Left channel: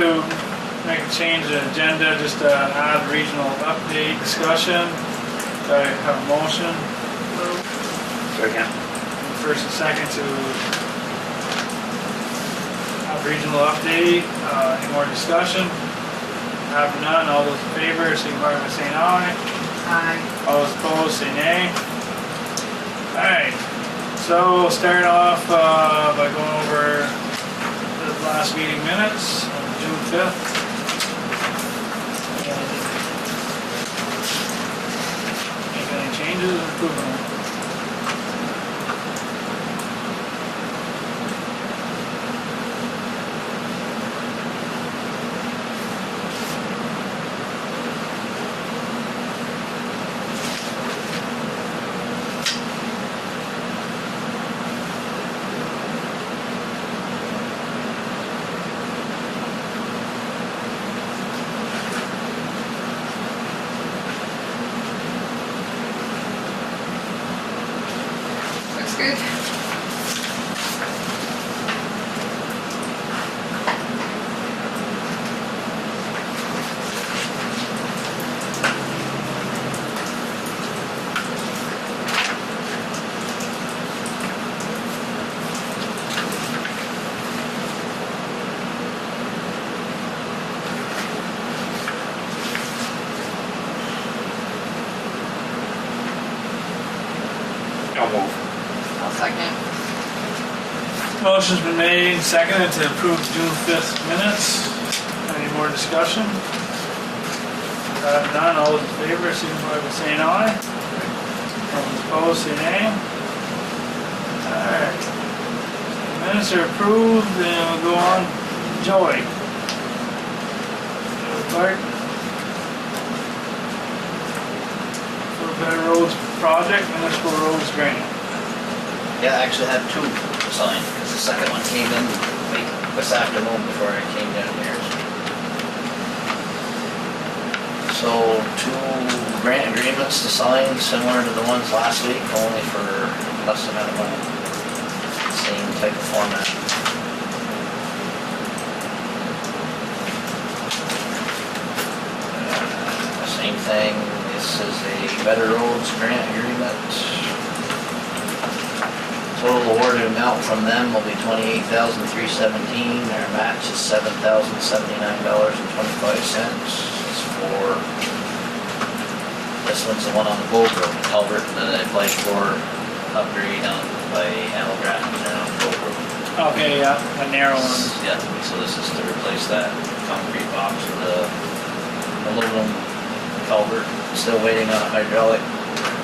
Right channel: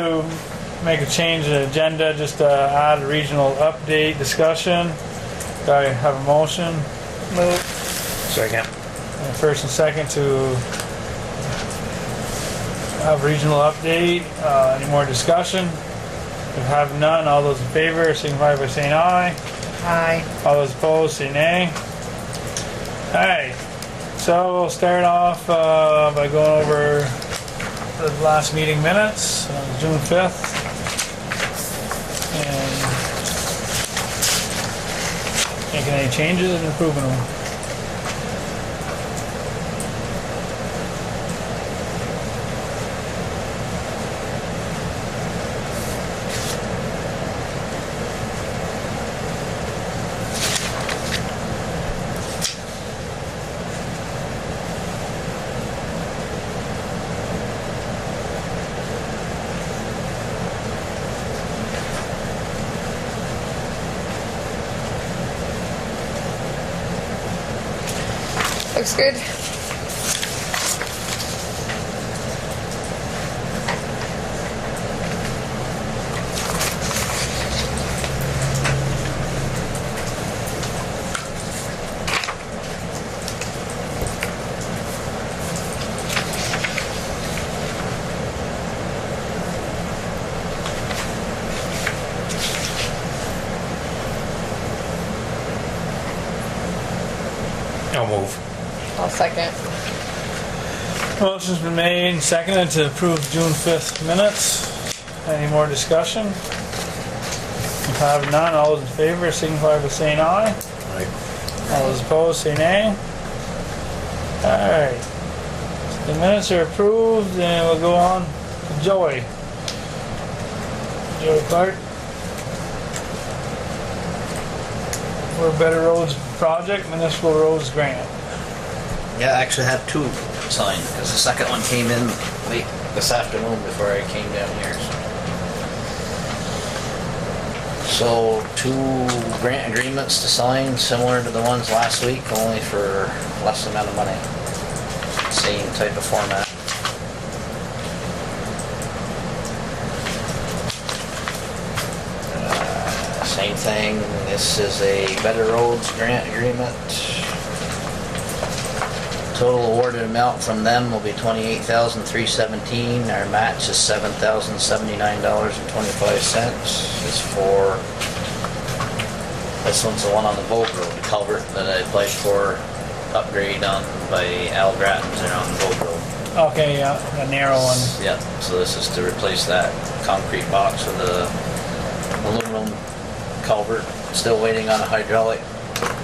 to make a change in the agenda, just to add regional update discussion. Do I have a motion? Move. Second. And first and second to have regional update. Any more discussion? If you have none, all those in favor, signify by saying aye. Aye. All those opposed, say nay. Alright, so we'll start off by going over the last meeting minutes on June 5th. And making any changes and improving them. Looks good. I'll move. I'll second. Motion's been made and seconded to approve June 5th minutes. Any more discussion? If you have none, all those in favor, signify by saying aye. All those opposed, say nay. Alright. The minutes are approved, and we'll go on. Joey. Joey Clark. For a Better Roads Project, Municipal Roads Grant. Yeah, I actually had two signed, because the second one came in this afternoon before I came down here. So, two grant agreements to sign, similar to the ones last week, only for less amount of money. Same type of format. Same thing, this is a Better Roads grant agreement. Total awarded amount from them will be $28,317. Our match is $7,079.25. It's for, this one's the one on the Bow Road, culvert that I applied for upgrade on by Al Grattan's around the Bow Road. Okay, yeah, the narrow one. Yeah, so this is to replace that concrete box with a aluminum culvert. Still waiting on a hydraulic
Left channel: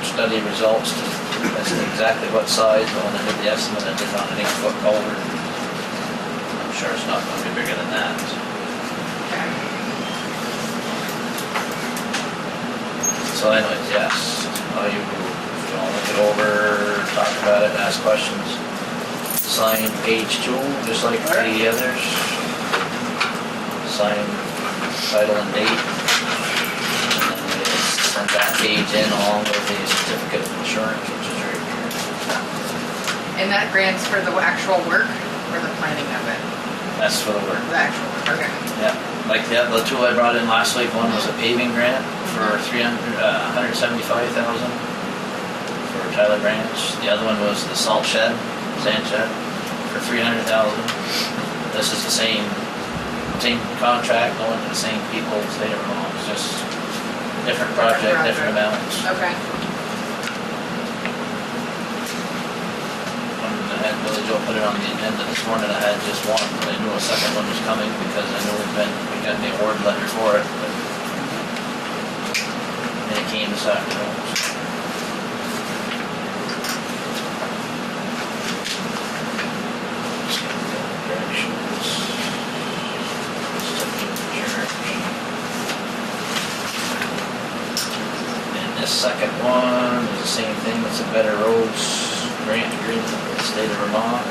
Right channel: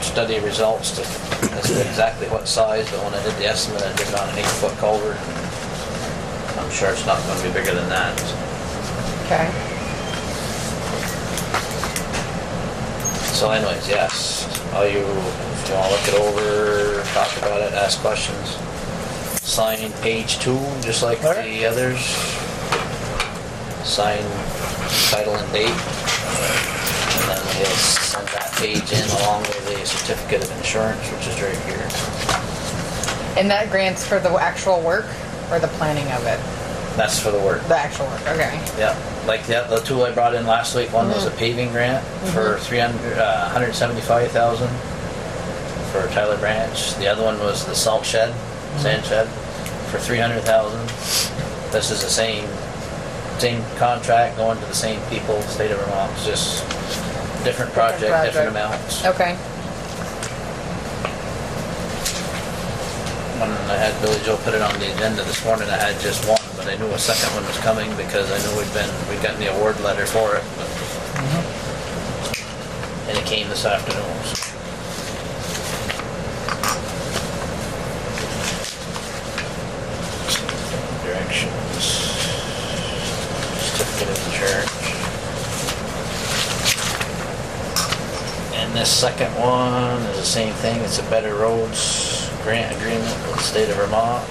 study results to as to exactly what size, but when I did the estimate, I did on an 8-foot culvert. I'm sure it's not going to be bigger than that. Okay. So anyways, yes, if you want to look it over, talk about it, ask questions, sign page 2, just like the others. Sign title and date. And then we'll send that page in along with the certificate of insurance, which is right here. And that grant's for the actual work or the planning of it? That's for the work. The actual work, okay. Yeah, like the two I brought in last week, one was a paving grant for $175,000 for Tyler Branch. The other one was the salt shed, sand shed, for $300,000. This is the same contract, going to the same people, state of Vermont. It's just different project, different amounts. Okay. When I had Billy Joe put it on the agenda this morning, I had just one, but I knew a second one was coming because I knew we got the award letter for it. And it came this afternoon. Directions. Certificate of insurance. And this second one is the same thing, it's a Better Roads grant agreement with the state of Vermont.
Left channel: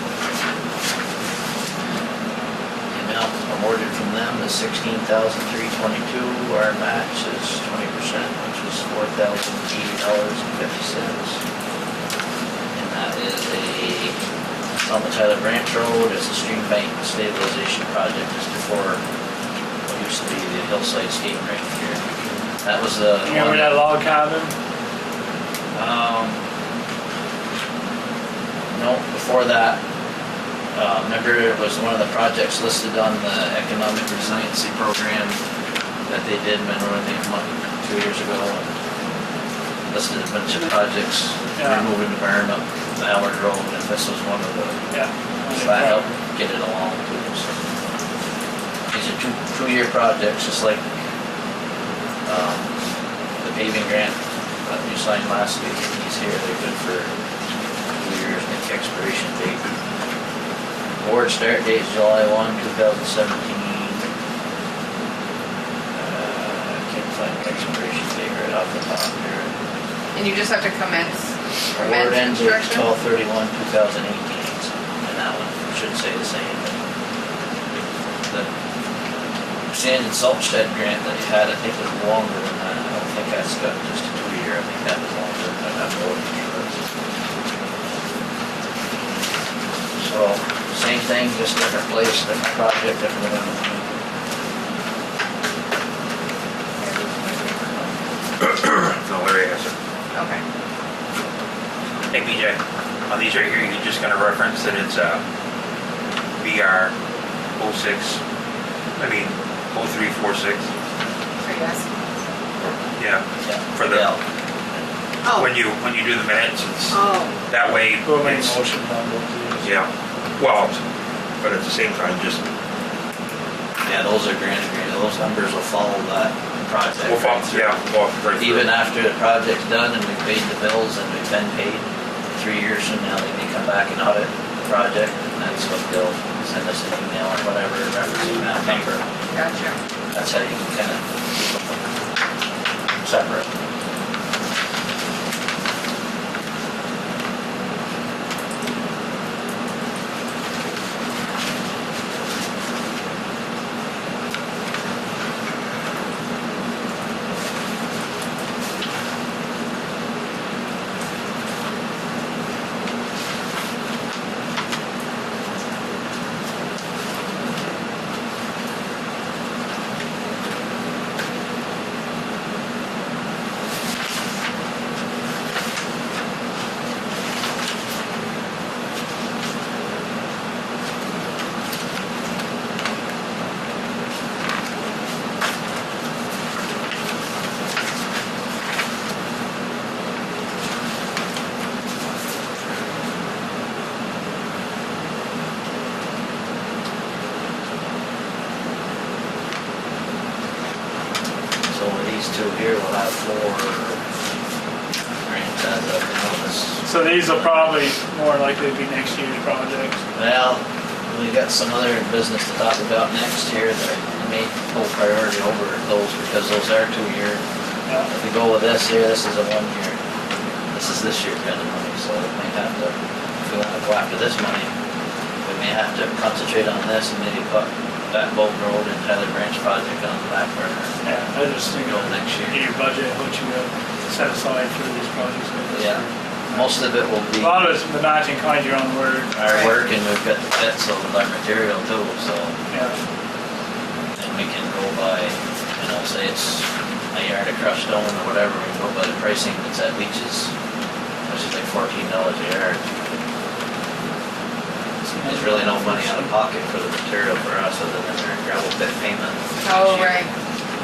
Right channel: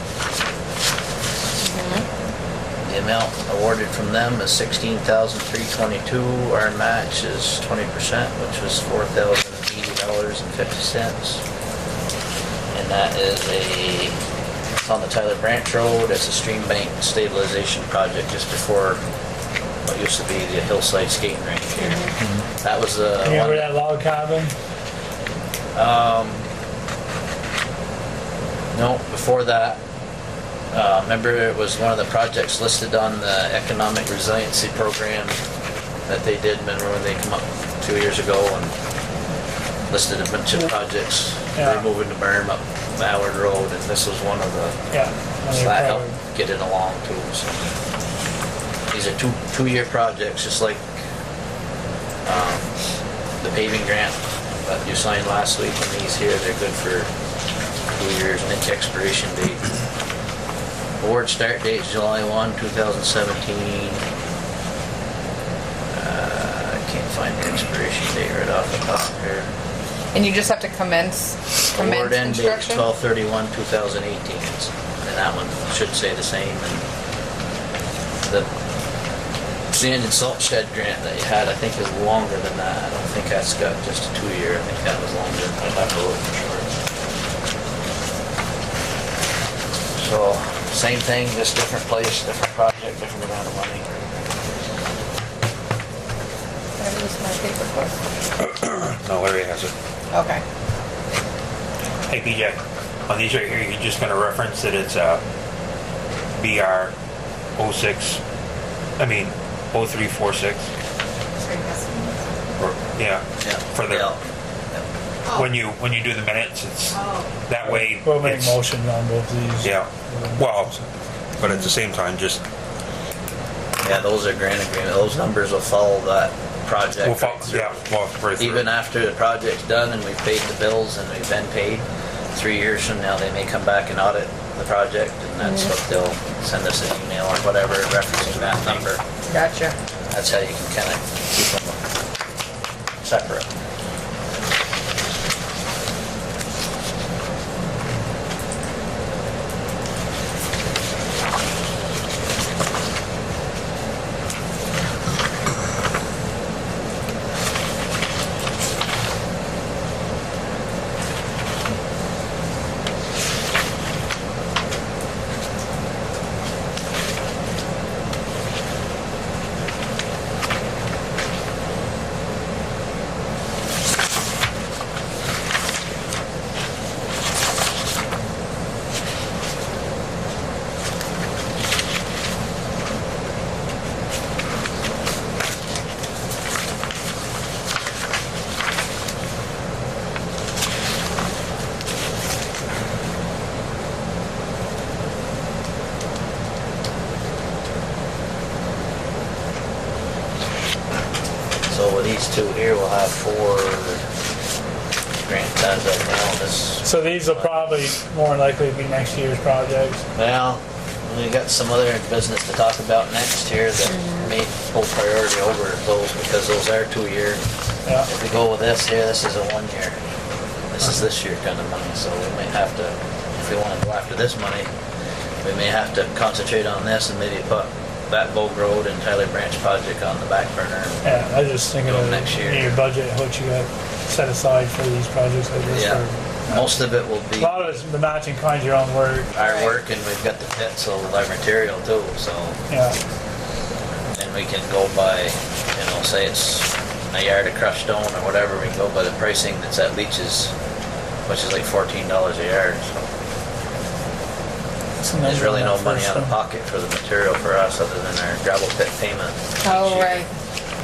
The amount awarded from them is $16,322. Our match is 20%, which was $4,080.50. And that is on the Tyler Branch Road. It's a stream bank stabilization project just before what used to be the hillside skating rink here. That was the You remember one. that log cabin? No, before that, remember it was one of the projects listed on the economic resiliency program that they did, remember when they come up 2 years ago and listed a bunch of projects, Yeah. removing the berm up Ballard Road, and this was one of the, Yeah. so that helped get it along too. So these are two-year projects, just like the paving grant that you signed last week, and these here, they're good for 2 years, and the expiration date. Award start date is July 1, 2017. I can't find the expiration date right off the top here. And you just have to commence Award end date is construction? 12/31/2018, and that one should say the same. And the sand and salt shed grant that you had, I think, is longer than that. I don't think that's got just a 2-year. I think that was longer. I'd have to look for sure. So, same thing, just different place, different project, different amount of money. No, Larry has it. Okay. Hey, BJ, on these right here, you're just gonna reference that it's BR 06, I mean, 0346, So yes. yeah, Yeah. for the, Yeah. Oh. when you do the minutes, it's, Oh. that way, We'll make it's, motion on both these. yeah, well, but at the same time, just, Yeah, those are grant agreement, those numbers will follow that project. we'll follow, yeah, well, right through. Even after the project's done and we've paid the bills and we've been paid, 3 years from now, they may come back and audit the project, and that's what they'll send us an email or whatever referencing that number. Gotcha. That's how you can kind of keep them separate. So these two here will have 4 grant as of now. So these will probably more likely be next year's projects. Well, we got some other business to talk about next year that may pull priority over those because those are 2-year. Yeah. If we go with this here, this is a 1-year. This is this year kind of money, so we may have to, if we want to go after this money, we may have to concentrate on this and maybe put that Boat Road and Tyler Branch project on the back burner. Yeah, I was just thinking of Next year. in your budget, what you have set aside for these projects like this. Yeah. or- Most of it will be A lot of it's the matching kind, your own word. our work, and we've got the pits of our material too, so, Yeah, and we can go by, say it's a yard of crushed stone or whatever, we can go by the pricing that's at Leach's, which is like $14 a yard. There's really no money out of pocket for the material for us other than our gravel pit payment. Oh, right.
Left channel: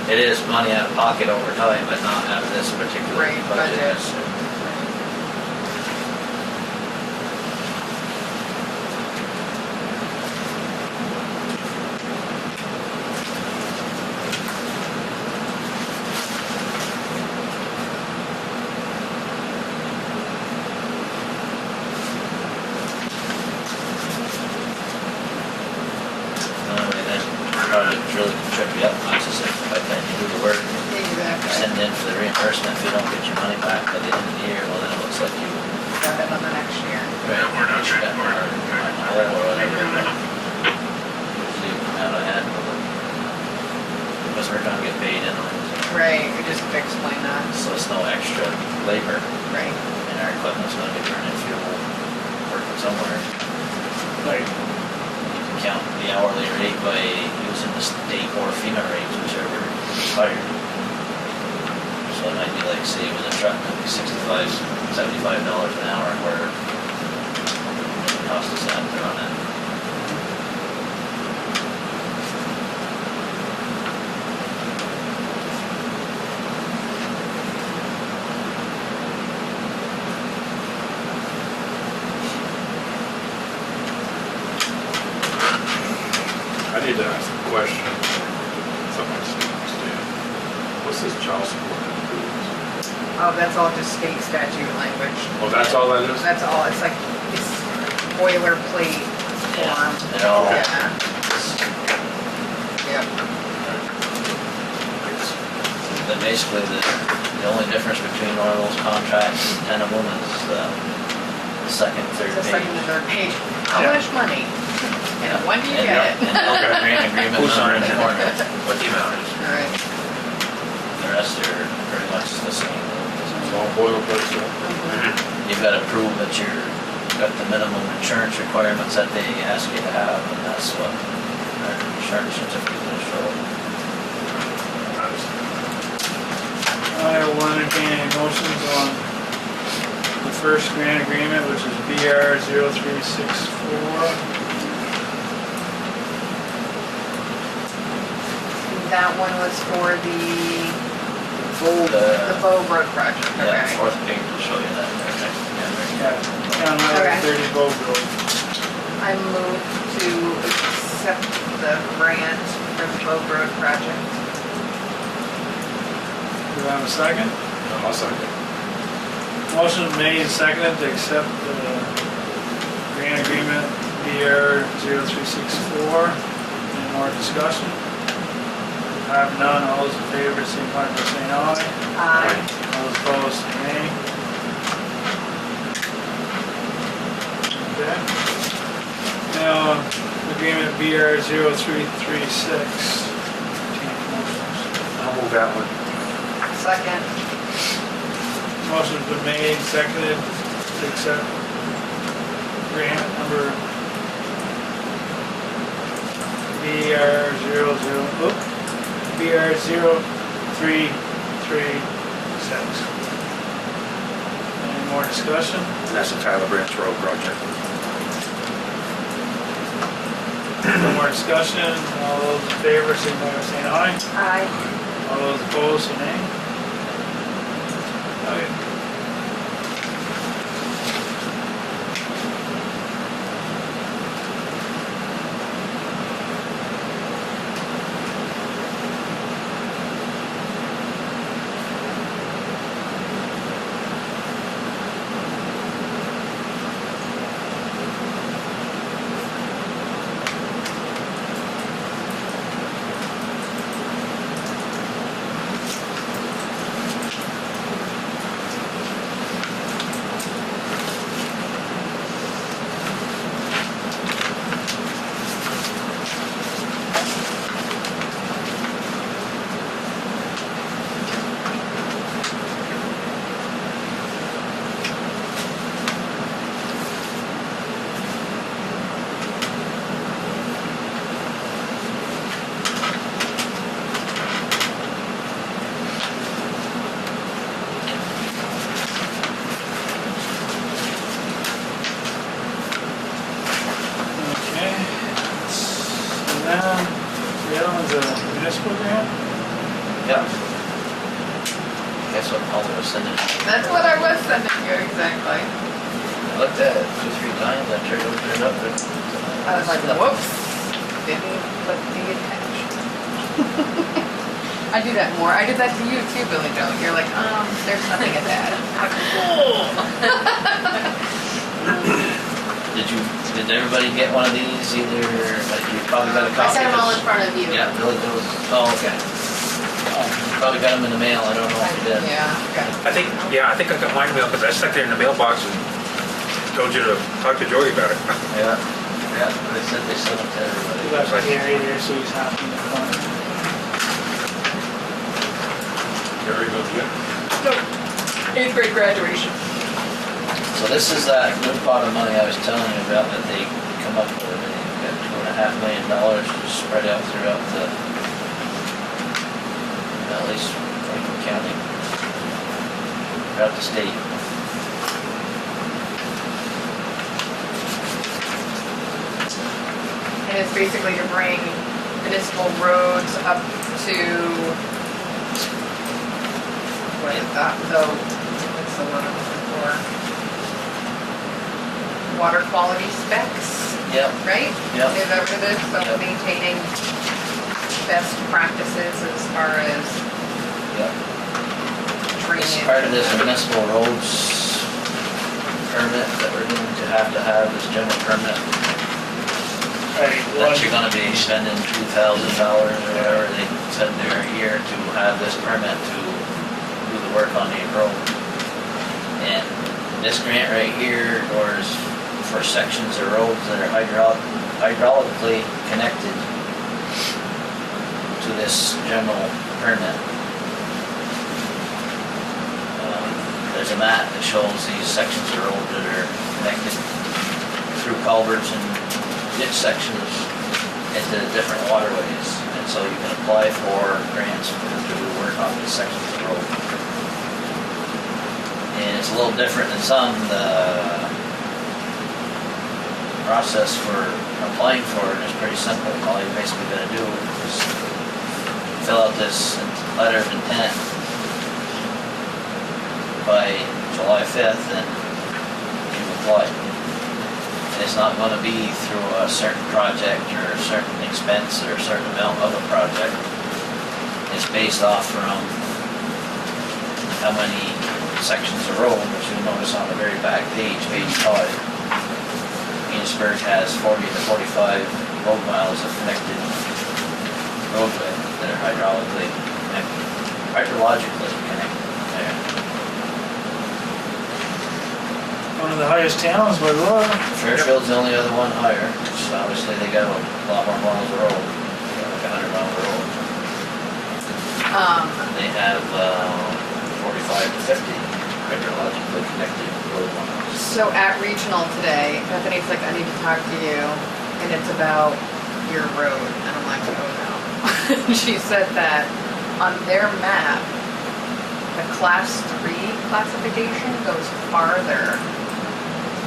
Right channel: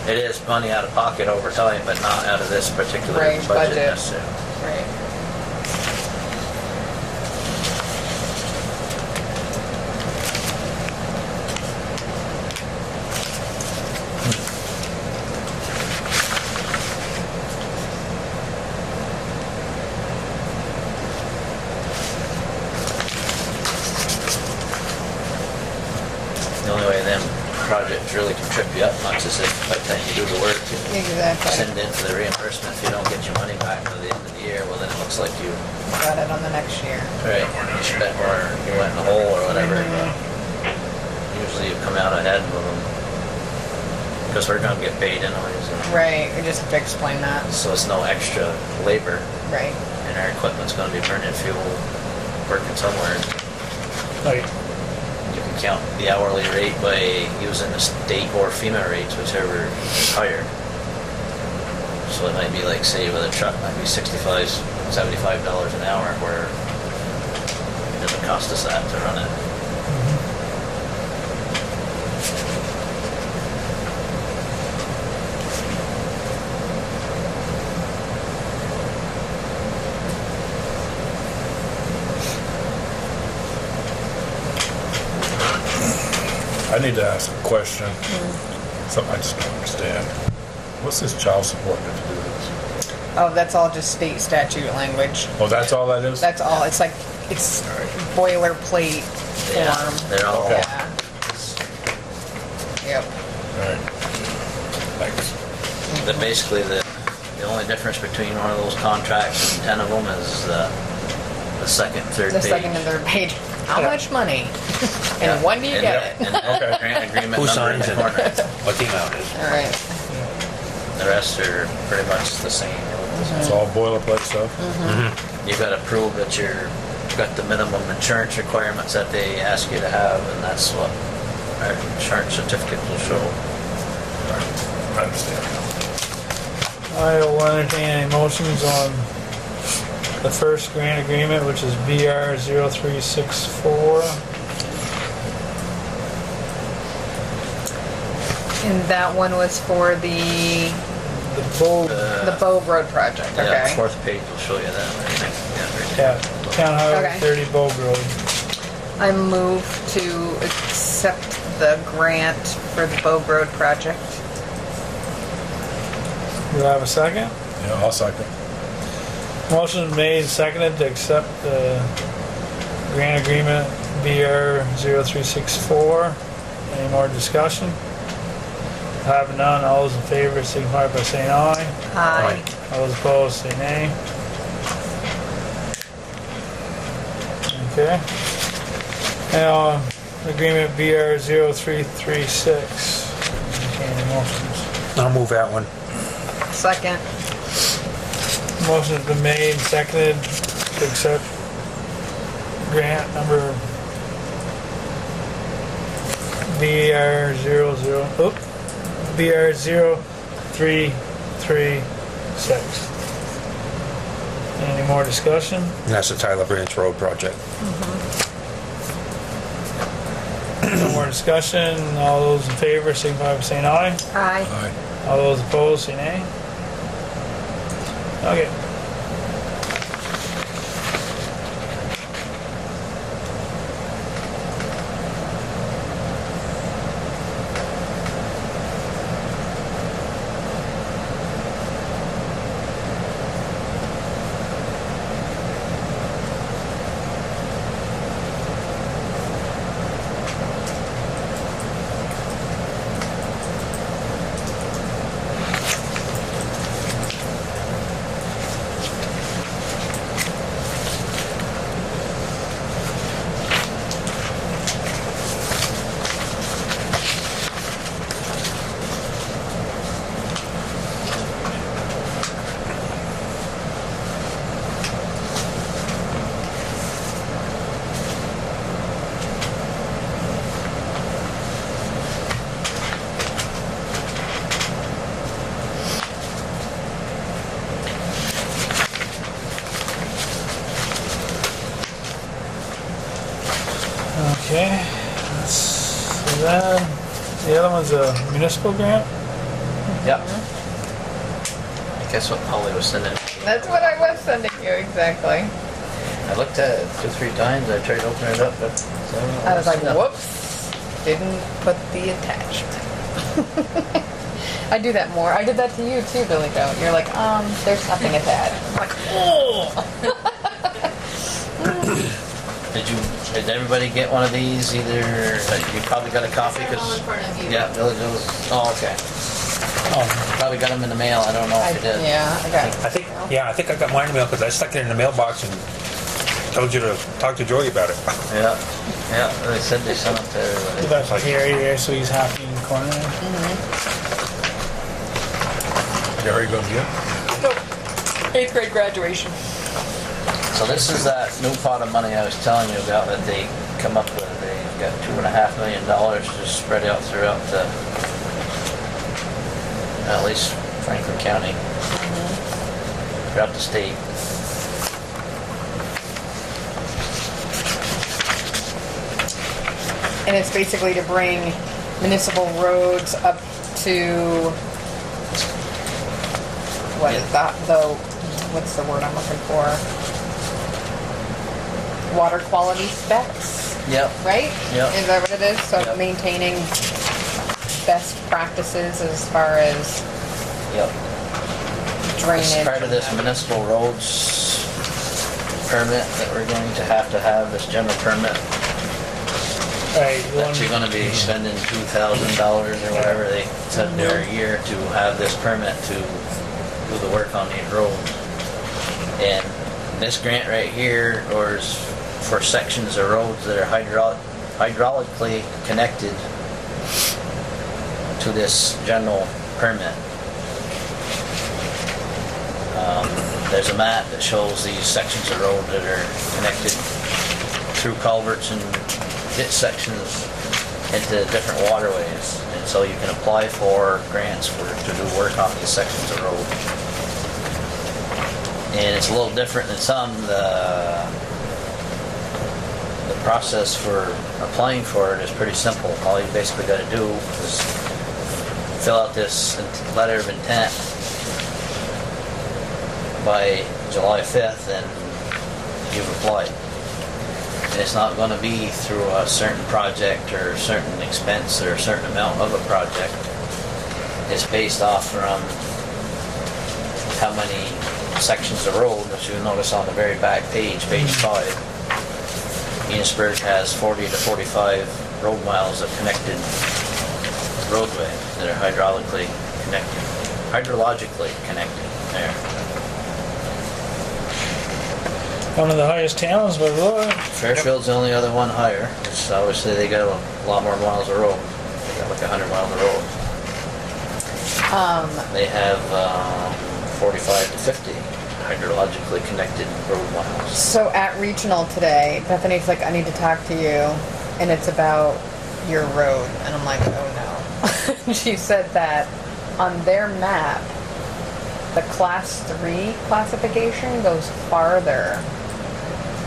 It is money out of pocket over time, but not out of this particular Right, budget. budget. necessarily. Right. The only way them projects really can trip you up much is if by the time you do the work, Exactly. send in for the reimbursement. If you don't get your money back by the end of the year, well then it looks like you Got it on the next year. you spent more, you went in the hole or whatever. Usually you come out ahead because we're gonna get paid anyways. Right, we just explain that. So it's no extra labor Right. and our equipment's gonna be burning fuel, working somewhere. like, You can count the hourly rate by using the state or FEMA rates, whichever is higher. So it might be like, say with a truck, it might be $65, $75 an hour, where it doesn't cost us that to run it. I need to ask a question, something I just don't understand. What's this child support improvements? Oh, that's all just state statute language. Oh, that's all that is? That's all, it's like, it's boilerplate Yeah, form. they're all, Okay. Yeah. Yep. Alright. Thanks. but basically the only difference between one of those contracts and 10 of them is the second, third The page. second and third page, how Yeah. much money? And when do you And get it? the grant agreement Who number signs in it? the corner. What the amount is. All right. The rest are pretty much the same. It's all boilerplate stuff? You gotta prove that you're, got the minimum insurance requirements that they ask you to have, and that's what our insurance certificate will show. I understand. I will entertain any motions on the first grant agreement, which is BR 0364. And that one was for the Bow Road project, Yeah, okay? fourth page will show you that, I think. Yeah, Town Highway Okay. 30 Bow Road. I move to accept the grant for the Bow Road project. Do I have a second? Yeah, I'll second. Motion made, seconded to accept the grant agreement BR 0364. Any more discussion? Having none, all those in favor signify by saying aye. Aye. All those opposed say nay. Okay. Now, agreement BR 0336. Containing motions. I'll move that one. Second. Motion's been made, seconded to accept grant number BR 0336. Any more discussion? And that's the Tyler Bridge Road project. No more discussion, all those in favor signify by saying aye. Aye. All those opposed say nay. Okay. Okay, let's see that. The other one's a municipal grant? Yep. Guess what Holly was sending? That's what I was sending you, exactly. I looked at it 2-3 times, I tried to open it up, but. I was like, whoops, didn't put the attachment. I do that more. I did that to you too, Billy Joe. You're like, there's nothing attached. I'm like, Did everybody get one of these either, you probably got a I copy? sent them all in 'cause- front of you. Yeah, Billy goes, oh, okay. You probably got them in the mail, I don't know if you did. yeah, okay. I think I got mine in the mail because I stuck it in the mailbox and told you to talk to Joey about it. Yeah, they said they sent it to everybody. Left Gary there, so he's happy in the corner. Gary goes, yeah? 8th grade graduation. So this is that new pot of money I was telling you about that they come up with, they got $2.5 million just spread out throughout at least Franklin County, throughout the state. And it's basically to bring municipal roads up to, what is that, what's the word I'm looking for? Water quality specs, Yep. right? Yep. Is that what it is? So Yep. maintaining best practices as far as Yep. drainage. As part of this municipal roads permit that we're going to have this general permit, Right, that you're gonna be spending $2,000 or whatever they said there a year to have this permit to do the work on these roads. And this grant right here, or is for sections of roads that are hydraulically connected to this general permit. There's a map that shows these sections of road that are connected through culverts and ditch sections into different waterways. And so you can apply for grants to do work on these sections of road. And it's a little different than some. The process for applying for it is pretty simple. All you basically got to do is fill out this letter of intent by July 5th and you've applied. It's not going to be through a certain project or a certain expense or a certain amount of a project. It's based off from how many sections of road, which you'll notice on the very back page, page 5. Enosburgh has 40 to 45 road miles of connected roadway that are hydrologically connected there. one of the highest towns by law. Fairfield's the only other one higher. So obviously they got a lot more miles of road. They got like 100 miles of road. They have 45 to 50 hydrologically connected road miles. So at regional today, Bethany's like, I need to talk to you, and it's about your road. And I'm like, oh no. She said that on their map, the class 3 classification goes farther.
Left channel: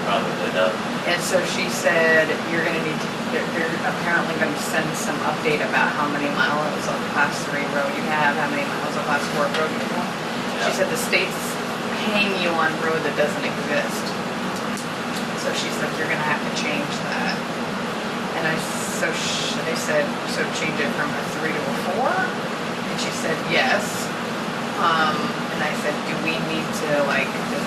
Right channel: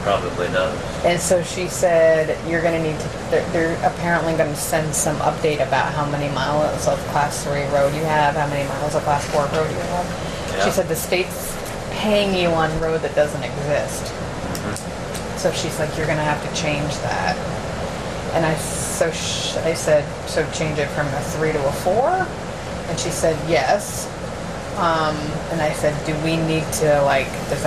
Probably does. And so she said, you're gonna need to, they're apparently gonna send some update about how many miles of class 3 road you have, how many miles of class 4 road you have. Yeah. She said the state's paying you on road that doesn't exist. So she's like, you're gonna have to change that. And I said, so change it from a 3 to a 4? And she said, yes. And I said, do we need to, like, do we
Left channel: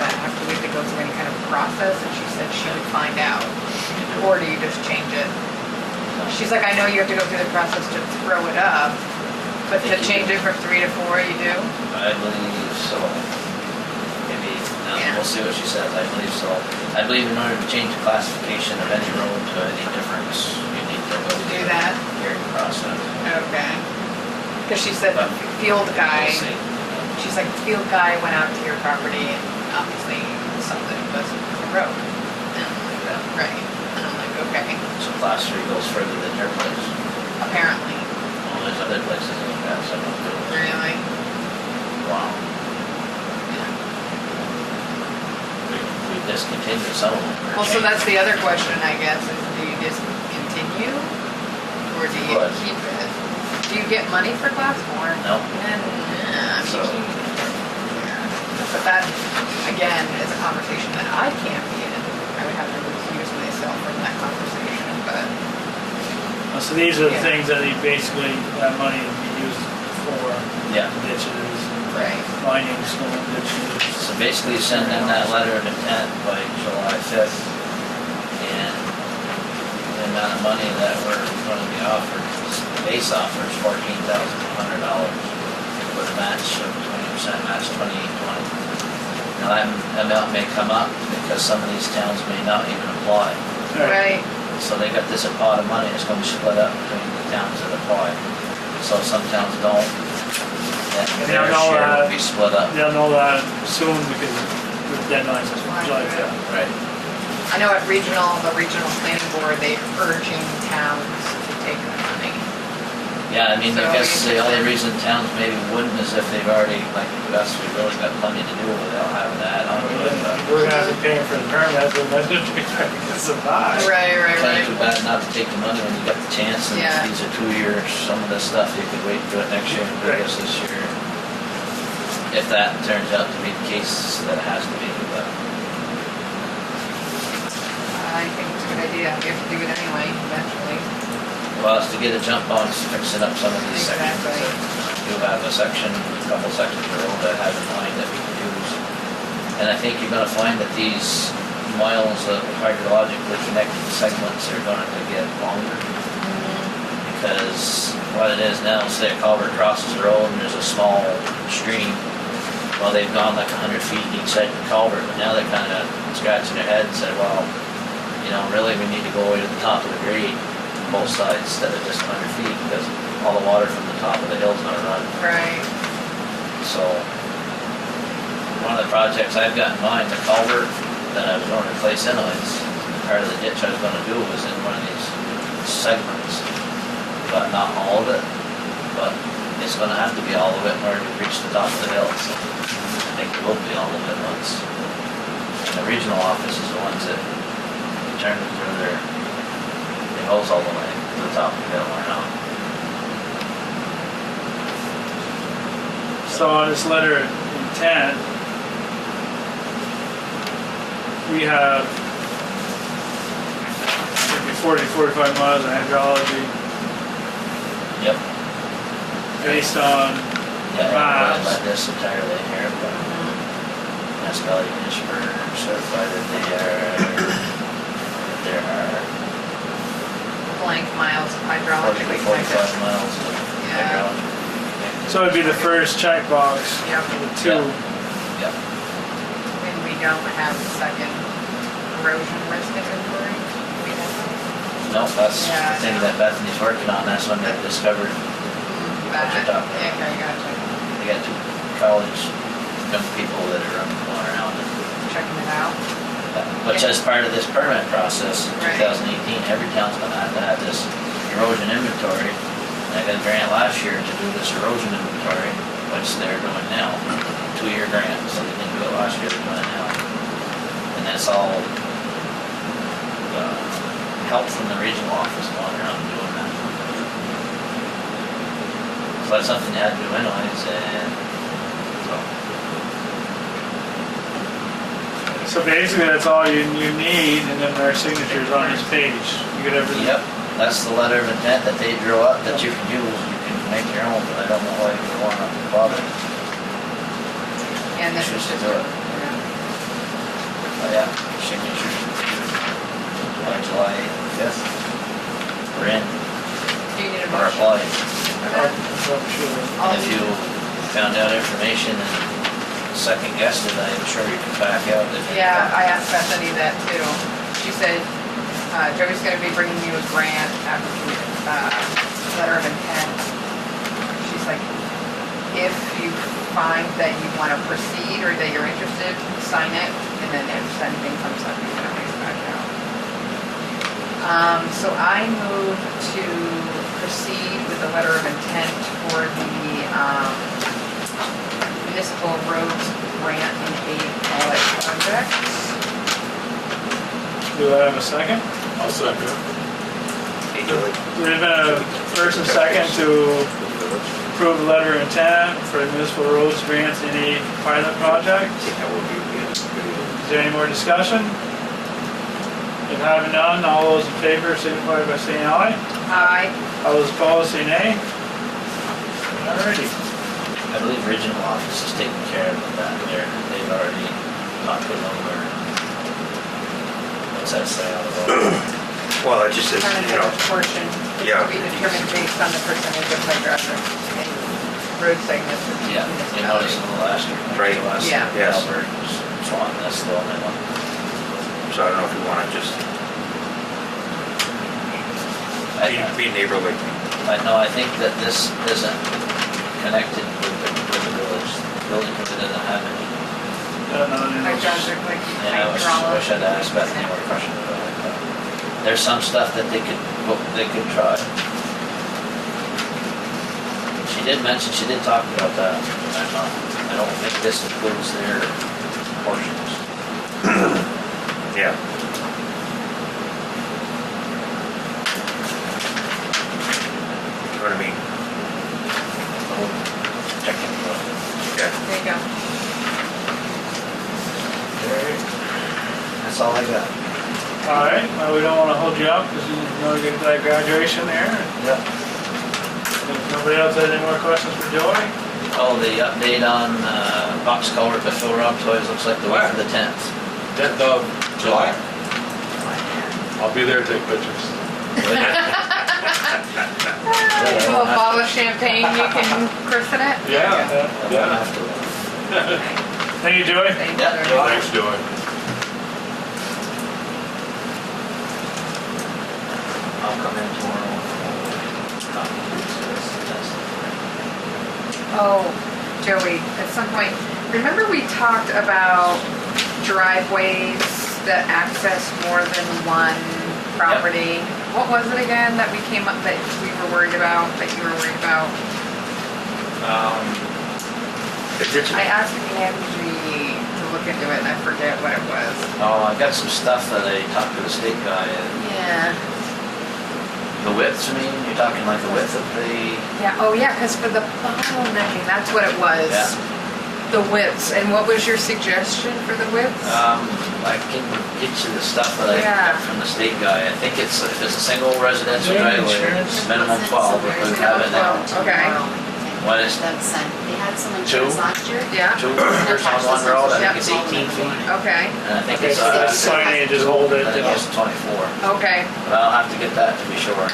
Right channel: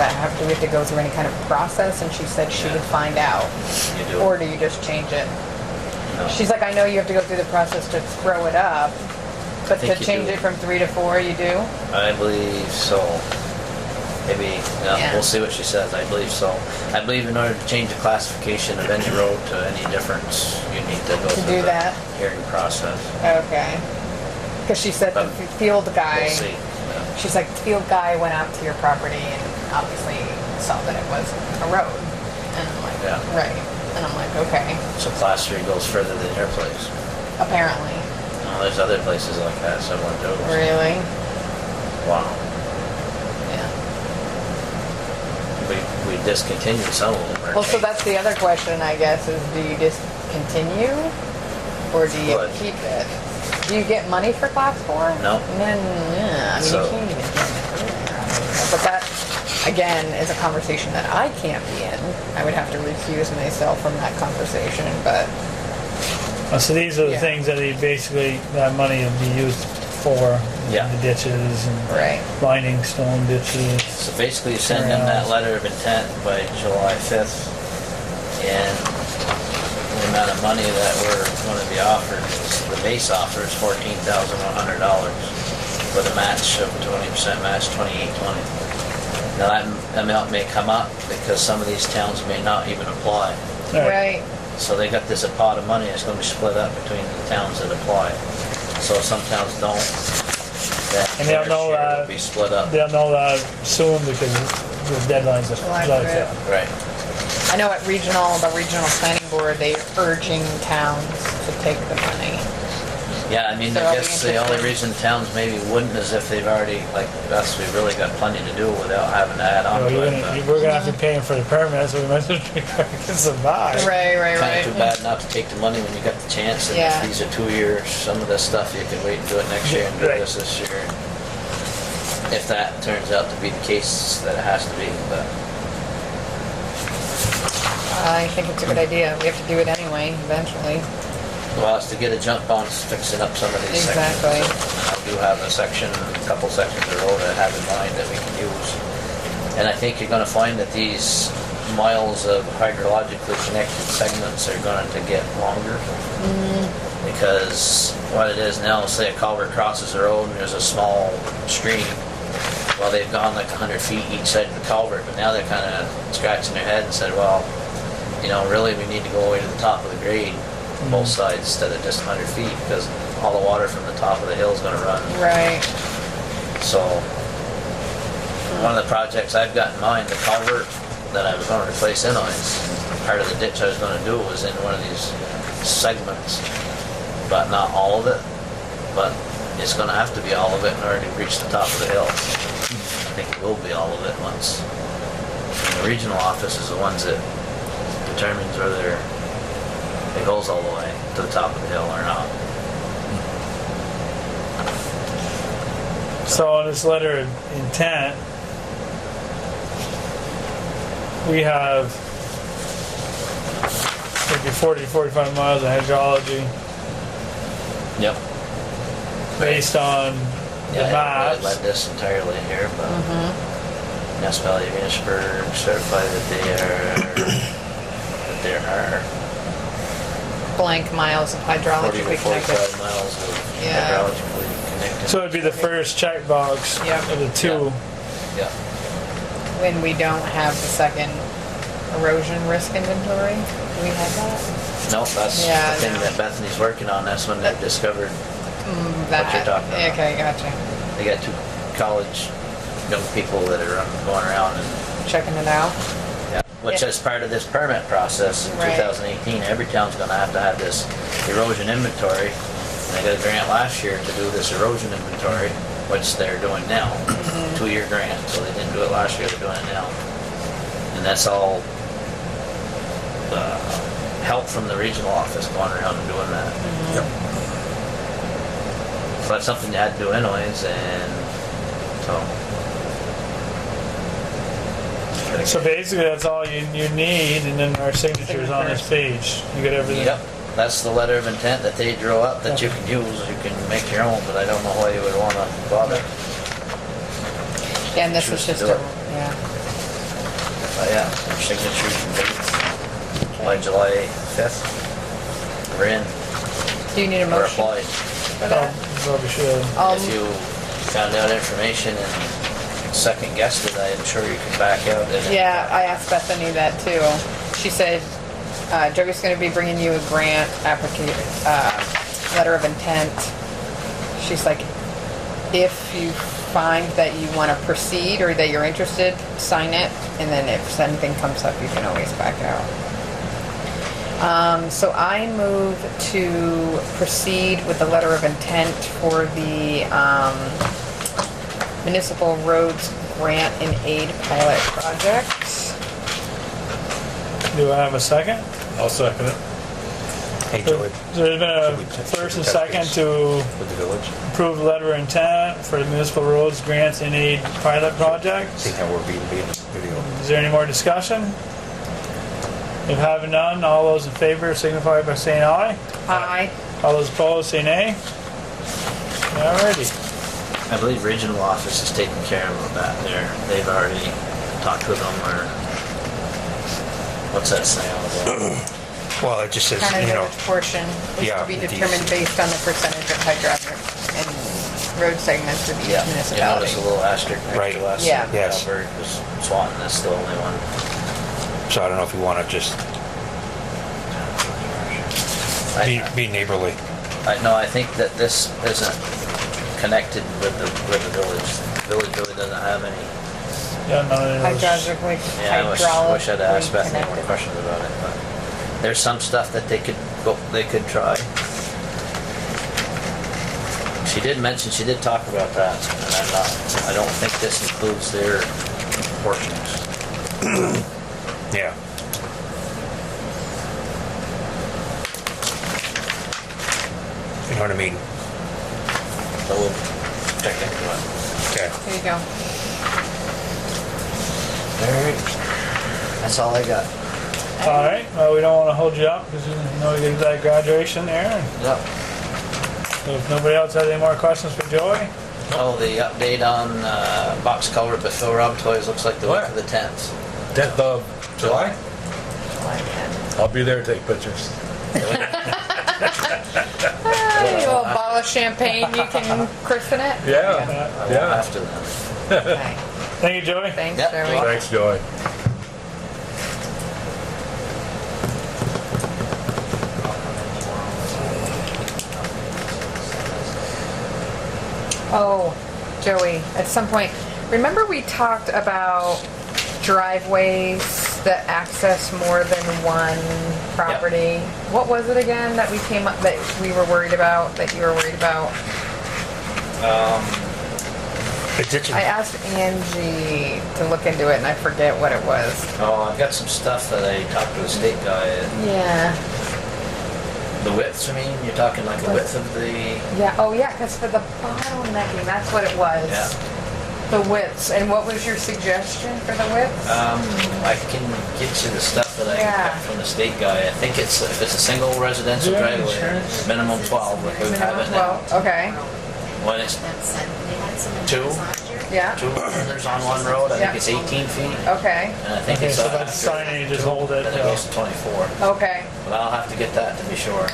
have to go through any kind of process? And she said she would find out. You do. Or do you just change it? No. She's like, I know you have to go through the process to throw it up, but think to you change do. it from 3 to 4, you do? I believe so. Maybe, Yeah. we'll see what she says. I believe so. I believe in order to change the classification of any road to any difference, you need to go through Do the that? hearing process. Okay. Because she said the field guy, We'll see. she's like, the field guy went out to your property and obviously saw that it was a road. And I'm like, Yeah. right. And I'm like, okay, So class 3 goes further than your place. apparently. Well, there's other places like that, some of those. Really? Wow. Yeah. We discontinued some of them. Well, so that's the other question, I guess, is do you just continue or do you What? keep it? Do you get money for class 4? No. I mean, So- you can't even. But that, again, is a conversation that I can't be in. I would have to recuse myself from that conversation, but So these are the Yeah. things that that money would be used for. Yeah. The ditches and right. lining stone ditches. So basically, you send in that letter of intent by July 5th, and the amount of money that we're going to be offered, the base offer is $14,100 with a match of 20% match, $2,820. Now that amount may come up because some of these towns may not even apply. Right. So they got this pot of money that's going to be split up between the towns that apply. So if some towns don't, then And their they'll know share that- will be split up. They'll know that soon because the deadline's July July 5th. 5th. Right. I know at the regional planning board, they're urging towns to take the money. Yeah, I mean, So I are we guess the only interested? reason towns maybe wouldn't is if they've already, like us, we've really got plenty to do without having to add on to it. But We're gonna have to pay for the permits, we might as well survive. Right, kind of too bad not to take the money when you got the chance. And Yeah. if these are 2 years, some of this stuff you can wait and do it next year and do this year. If that turns out to be the case, that it has to be, but. I think it's a good idea. We have to do it anyway, eventually. Well, it's to get a jump on fixing up some of these sections. Exactly. I do have a couple sections of road that I have in mind that we can use. And I think you're gonna find that these miles of hydrologically connected segments are going to get longer. Because what it is now, say a culvert crosses the road and there's a small stream. Well, they've gone like 100 feet each side of the culvert, but now they're kind of scratching their head and said, well, you know, really we need to go away to the top of the grade, both sides, instead of just 100 feet, because all the water from the top of the hill is going to run. Right. So, one of the projects I've got in mind, the culvert that I was going to replace Enos, part of the ditch I was going to do was in one of these segments, but not all of it. But it's going to have to be all of it in order to reach the top of the hill. I think it will be all of it once. The regional office is the ones that determines whether it goes all the way to the top of the hill or not. So on this letter of intent, we have maybe 40, 45 miles of hydrology Yep. based on the Yeah, I maps. read this entirely in here, but municipality of Enosburgh certified that there are Blank miles of 40 to hydrologically 45 connected. miles of Yeah. hydrologically connected. So it'd be the first checkbox Yep. of the two. Yeah. When we don't have the second erosion risk inventory, we have that. No, that's Yeah, the thing I know. that Bethany's working on. That's when they discovered That, you're talking about. okay, gotcha. they got 2 college young people that are going around and Checking it out. yeah, which as part of this permit process in Right. 2018, every town's gonna have to have this erosion inventory. I got a grant last year to do this erosion inventory, which they're doing now, 2-year grant, so they didn't do it last year, they're doing it now. And that's all help from the regional office going around and doing that. Yep. So that's something you had to do anyways, and so. So basically that's all you need, and then their signatures on this page. You get everything. Yep, that's the letter of intent that they drew up that you can use. You can make your own, but I don't know why you would want to bother. Yeah, and this is Choose to just do a, it. yeah. Oh yeah, our signatures by July 5th. We're in, Do you need a we're motion? applied. for that? Probably should. If you found out information and second guessed it, I'm sure you can back out. Yeah, I asked Bethany that too. She said, Joey's gonna be bringing you a grant letter of intent. She's like, if you find that you wanna proceed or that you're interested, sign it, and then if anything comes up, you can always back out. So I move to proceed with the letter of intent for the municipal roads grant and aid pilot project. Do I have a second? I'll second it. Hey, Joey. There's been a first and second to approve the letter of intent for the municipal roads grants and aid pilot project. I think that will be good. Is there any more discussion? If having none, all those in favor signify by saying aye. Aye. All those opposed, say nay. Alrighty. I believe regional office is taking care of that. They've already talked with them, or what's that say on the wall? Well, it just says, you know, Portion Yeah. will be determined based on the percentage of hydraulic and road segments of each Yeah, you notice municipality. a little asterisk next Right. to us. Yeah. Yes. Albert was Swanton, that's the only one. so I don't know if you want to just be neighborly. No, I think that this isn't connected with the village. The village really doesn't have any Yeah, none of Like those. does it like Yeah, I hydraulic? wish I'd asked Beth any more questions about it, but there's some stuff that they could try. She did mention, she did talk about that, and I don't think this includes their portions. Yeah. You know what I mean? So we'll check into it. Okay. There you go. Alright. That's all I got. All right, well, we don't want to hold you up because we know you get that graduation there. Yep. If nobody else has any more questions for Joey? Oh, the update on box culvert by Phil Rob Toys looks like the week of the 10th. 10th of July? I'll be there to take pictures. A little bottle of champagne, you can christen it? Yeah, I won't yeah. have to. Okay. Thank you, Joey. Thanks, Yep, Joey. you're welcome. Thanks, Joey. I'll come in tomorrow. Oh, Joey, at some point, remember we talked about driveways that access more than one property? What was it again that we came up, that we were worried about, that you were worried about? I asked Angie to look into it and I forget what it was. Oh, I've got some stuff that I talked to the state guy. Yeah. The widths, I mean, you're talking like the width of the, Yeah, oh yeah, because for the bottlenecking, that's what it was. Yeah. The widths, and what was your suggestion for the widths? I can get you the stuff that I Yeah. got from the state guy. I think it's, if it's a single residential Yeah, driveway, insurance. minimum 12, if we have it now. Minimum 12, okay. When it's That's sent, we had some Two? insurance last year. Yeah, 2 meters on one road, I think it's 18 feet. okay, And I think Okay, it's, so that's sign you just hold it. I think it's 24. okay. But I'll have to get that to be sure.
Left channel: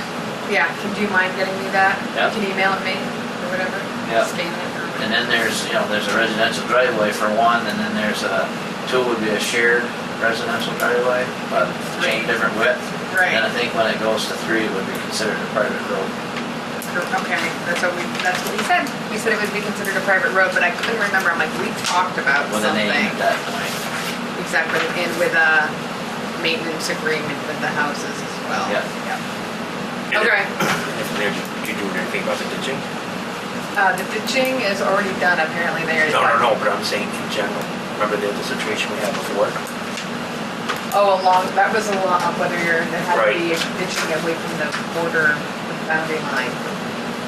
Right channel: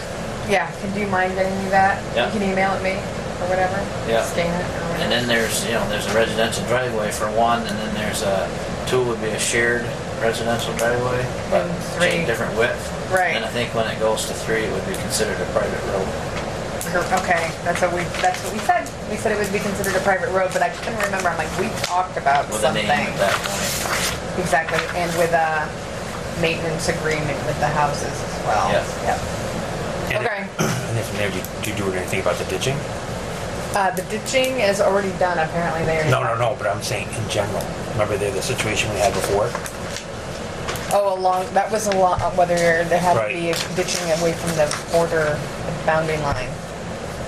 Yeah, do you mind getting me that? Yeah. You can email it me or whatever? Yeah. Scan it or And whatever. then there's, there's a residential driveway for one, and then there's a, 2 would be a shared residential driveway, but Three. different width. Right, And I think when it goes to 3, it would be considered a private road. okay, that's what we said. We said it would be considered a private road, but I couldn't remember. I'm like, we talked about With a something. name at that point. Exactly, and with a maintenance agreement with the houses as well. Yeah. Yep. And Okay. if there, do you do anything about the ditching? The ditching is already done, apparently there. No, but I'm saying in general. Remember the situation we had before? Oh, that was whether there had to Right. be ditching away from the border boundary line.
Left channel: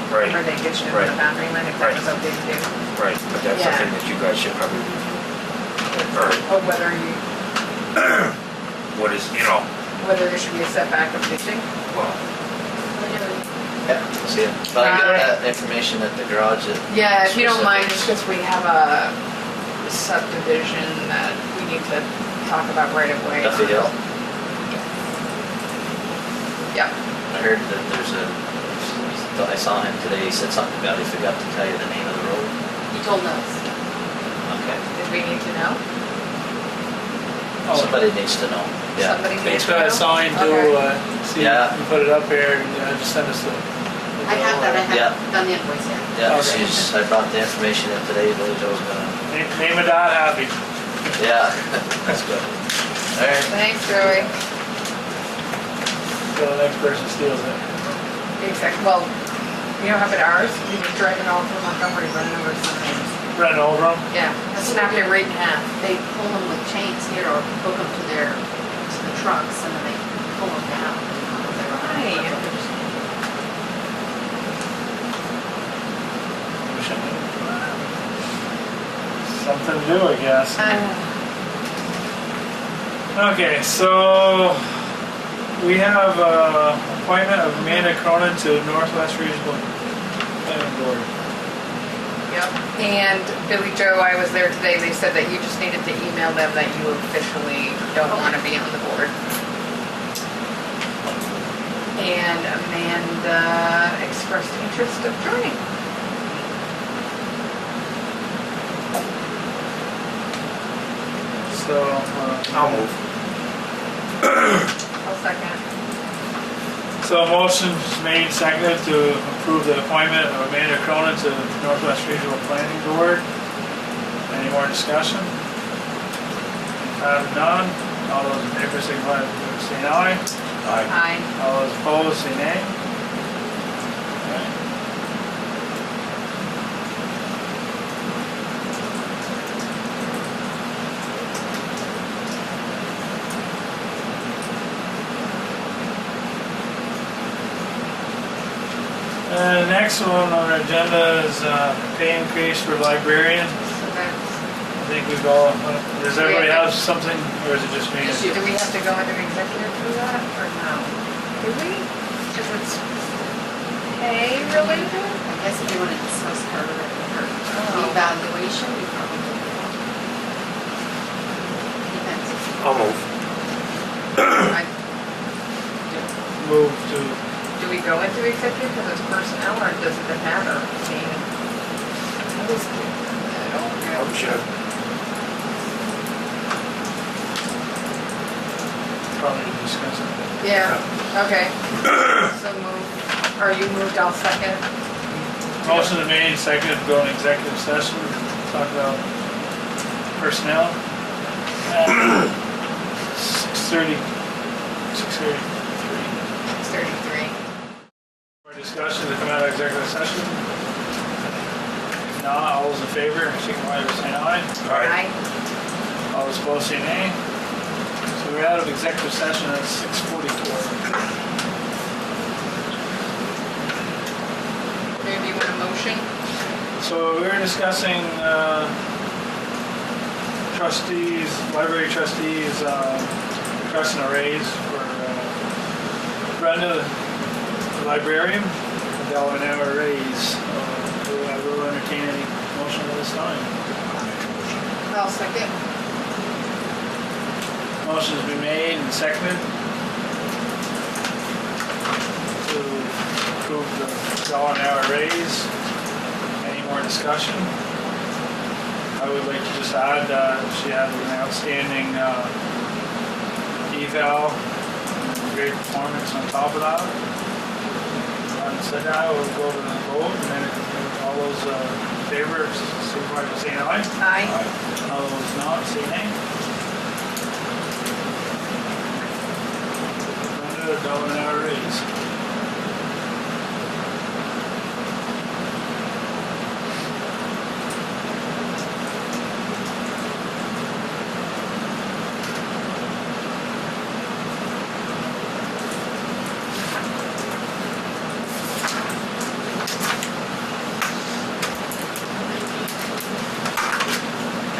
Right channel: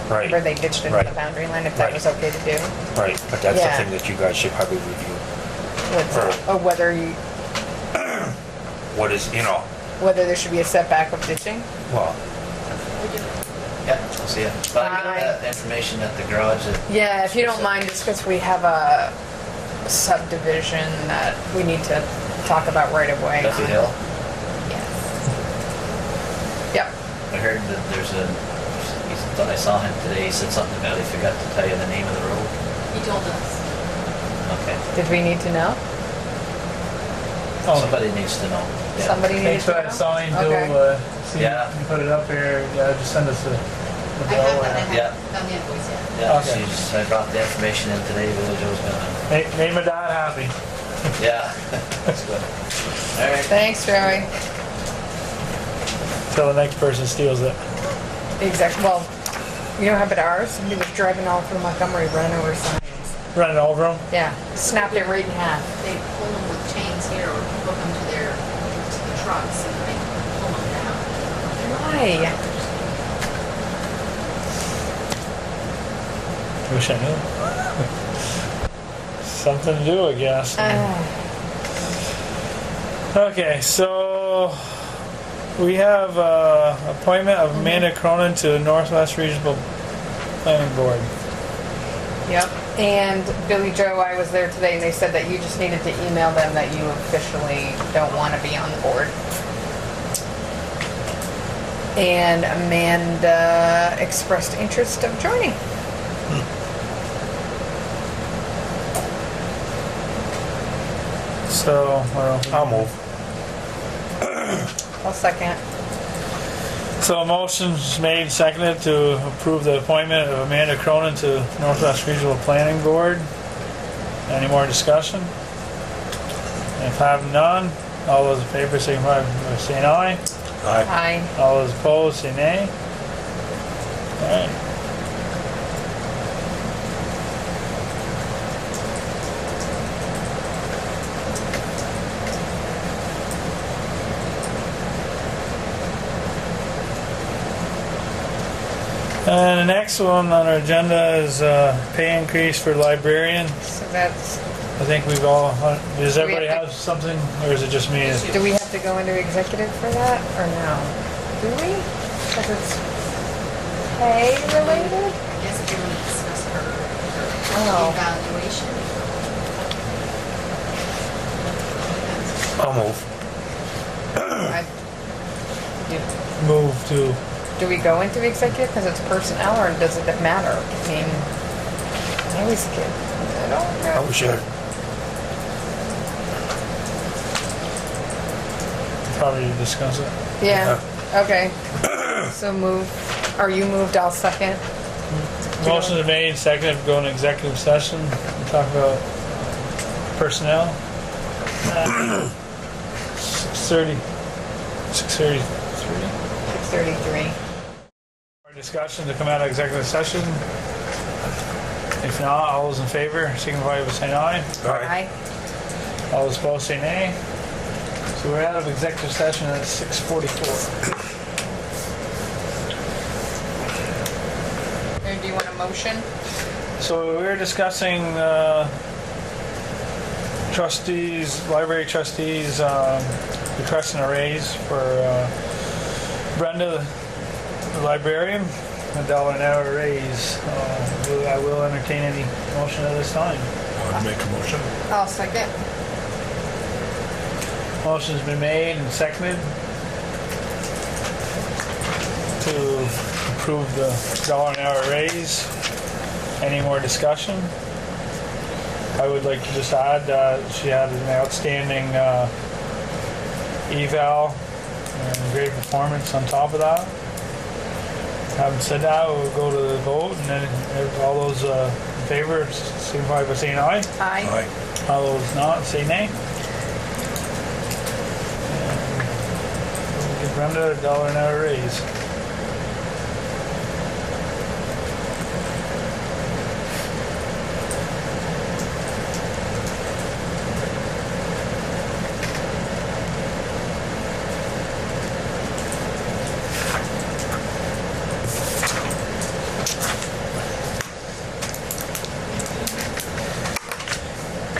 Right. Where they ditched it Right. from the boundary line, if that Right. was okay to do. Right, but that's Yeah. something that you guys should probably review. What's- Oh, whether What is, there should be a setback with ditching? well, Yep, I'll see it. But I get that information at the garage. Yeah, if you don't mind, just because we have a subdivision that we need to talk about right away. Duffy Hill. Yep. I heard that there's I saw him today, he said something about he forgot to tell you the name of the road. He told us. Okay. Did we need to know? Oh, Somebody needs to know. Yeah. Somebody needs thanks to for know? that sign Okay. too. See, Yeah. you put it up here, just send us the I have that, I Yeah. haven't done the invoice yet. Yeah, Okay. I brought the information in today, Billy Joe's gonna, Name my dad happy. yeah, that's good. All right. Thanks, Joey. Till the next person steals it. Exactly. Well, you know how about ours? We were driving all through Montgomery, running over signs. Running over them. Yeah, snapped it right in half. They pull them with chains here or hook them to the trucks and then they pull them down. Right. Wish I knew. Something to do, I guess. Okay, so we have appointment of Amanda Cronin to Northwest Regional Planning Board. Yep. And Billy Joe, I was there today, and they said that you just needed to email them that you officially don't want to be on the board. And Amanda expressed interest of joining. So, I'll move. I'll second. So a motion's made, seconded to approve the appointment of Amanda Cronin to Northwest Regional Planning Board. Any more discussion? If I have none, all those in favor signify by saying aye. Aye. I, All those opposed, say nay. Alright. The next one on our agenda is pay increase for librarian. so that's, I think we've all, does everybody have something, or is it just me? do we have to go into executive for that, or no? Do we? Because it's pay related? I guess if you want to discuss her Oh. evaluation, you probably. Depends. I'll move. I- Move to, Do we go into executive because it's personnel, or does it matter? I mean, I always get, I don't know. Oh, shit. probably discuss it. Yeah, okay. So move, are you moved, I'll second. Motion made, second, go in executive session, talk about personnel. 6:33. 6:33. More discussion to come out of executive session. If not, all those in favor, signify by saying aye. Aye. All those opposed, say nay. So we're out of executive session at 6:44. Maybe do you want a motion? So we were discussing trustees, library trustees, requesting a raise for Brenda, the librarian, $1 an hour raise. I will entertain any motion at this time. I'll make a motion. I'll second. Motion's been made and seconded to approve the $1 an hour raise. Any more discussion? I would like to just add, she had an outstanding eval and great performance on top of that. Having said that, we'll go to the vote, and then if all those in favor, signify by saying aye. Aye. Aye. All those not, say nay. Give Brenda $1 an hour raise.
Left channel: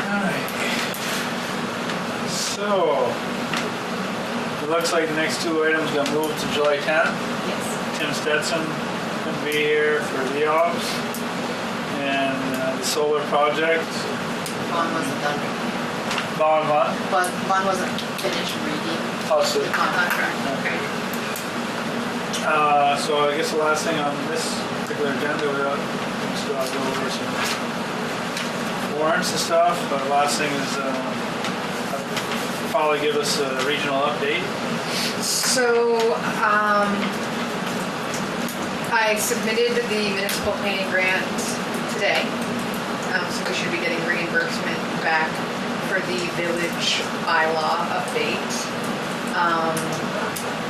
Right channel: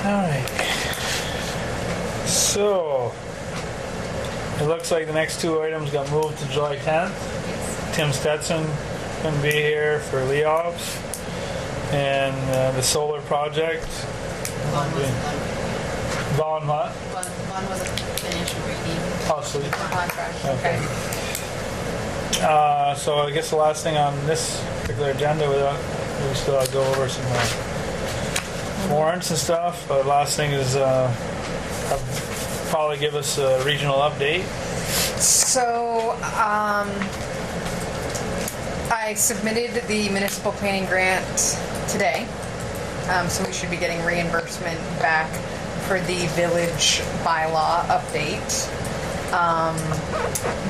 Alright. So, it looks like the next two items got moved to July 10th. Yes. Tim Stetson couldn't be here for Leops. And the solar project. One wasn't done. Gone what? One wasn't finished reading Oh, so, the contract. okay. So I guess the last thing on this particular agenda, we still have to go over some warrants and stuff, but last thing is probably give us a regional update. So, I submitted the municipal planning grant today. So we should be getting reimbursement back for the village bylaw update.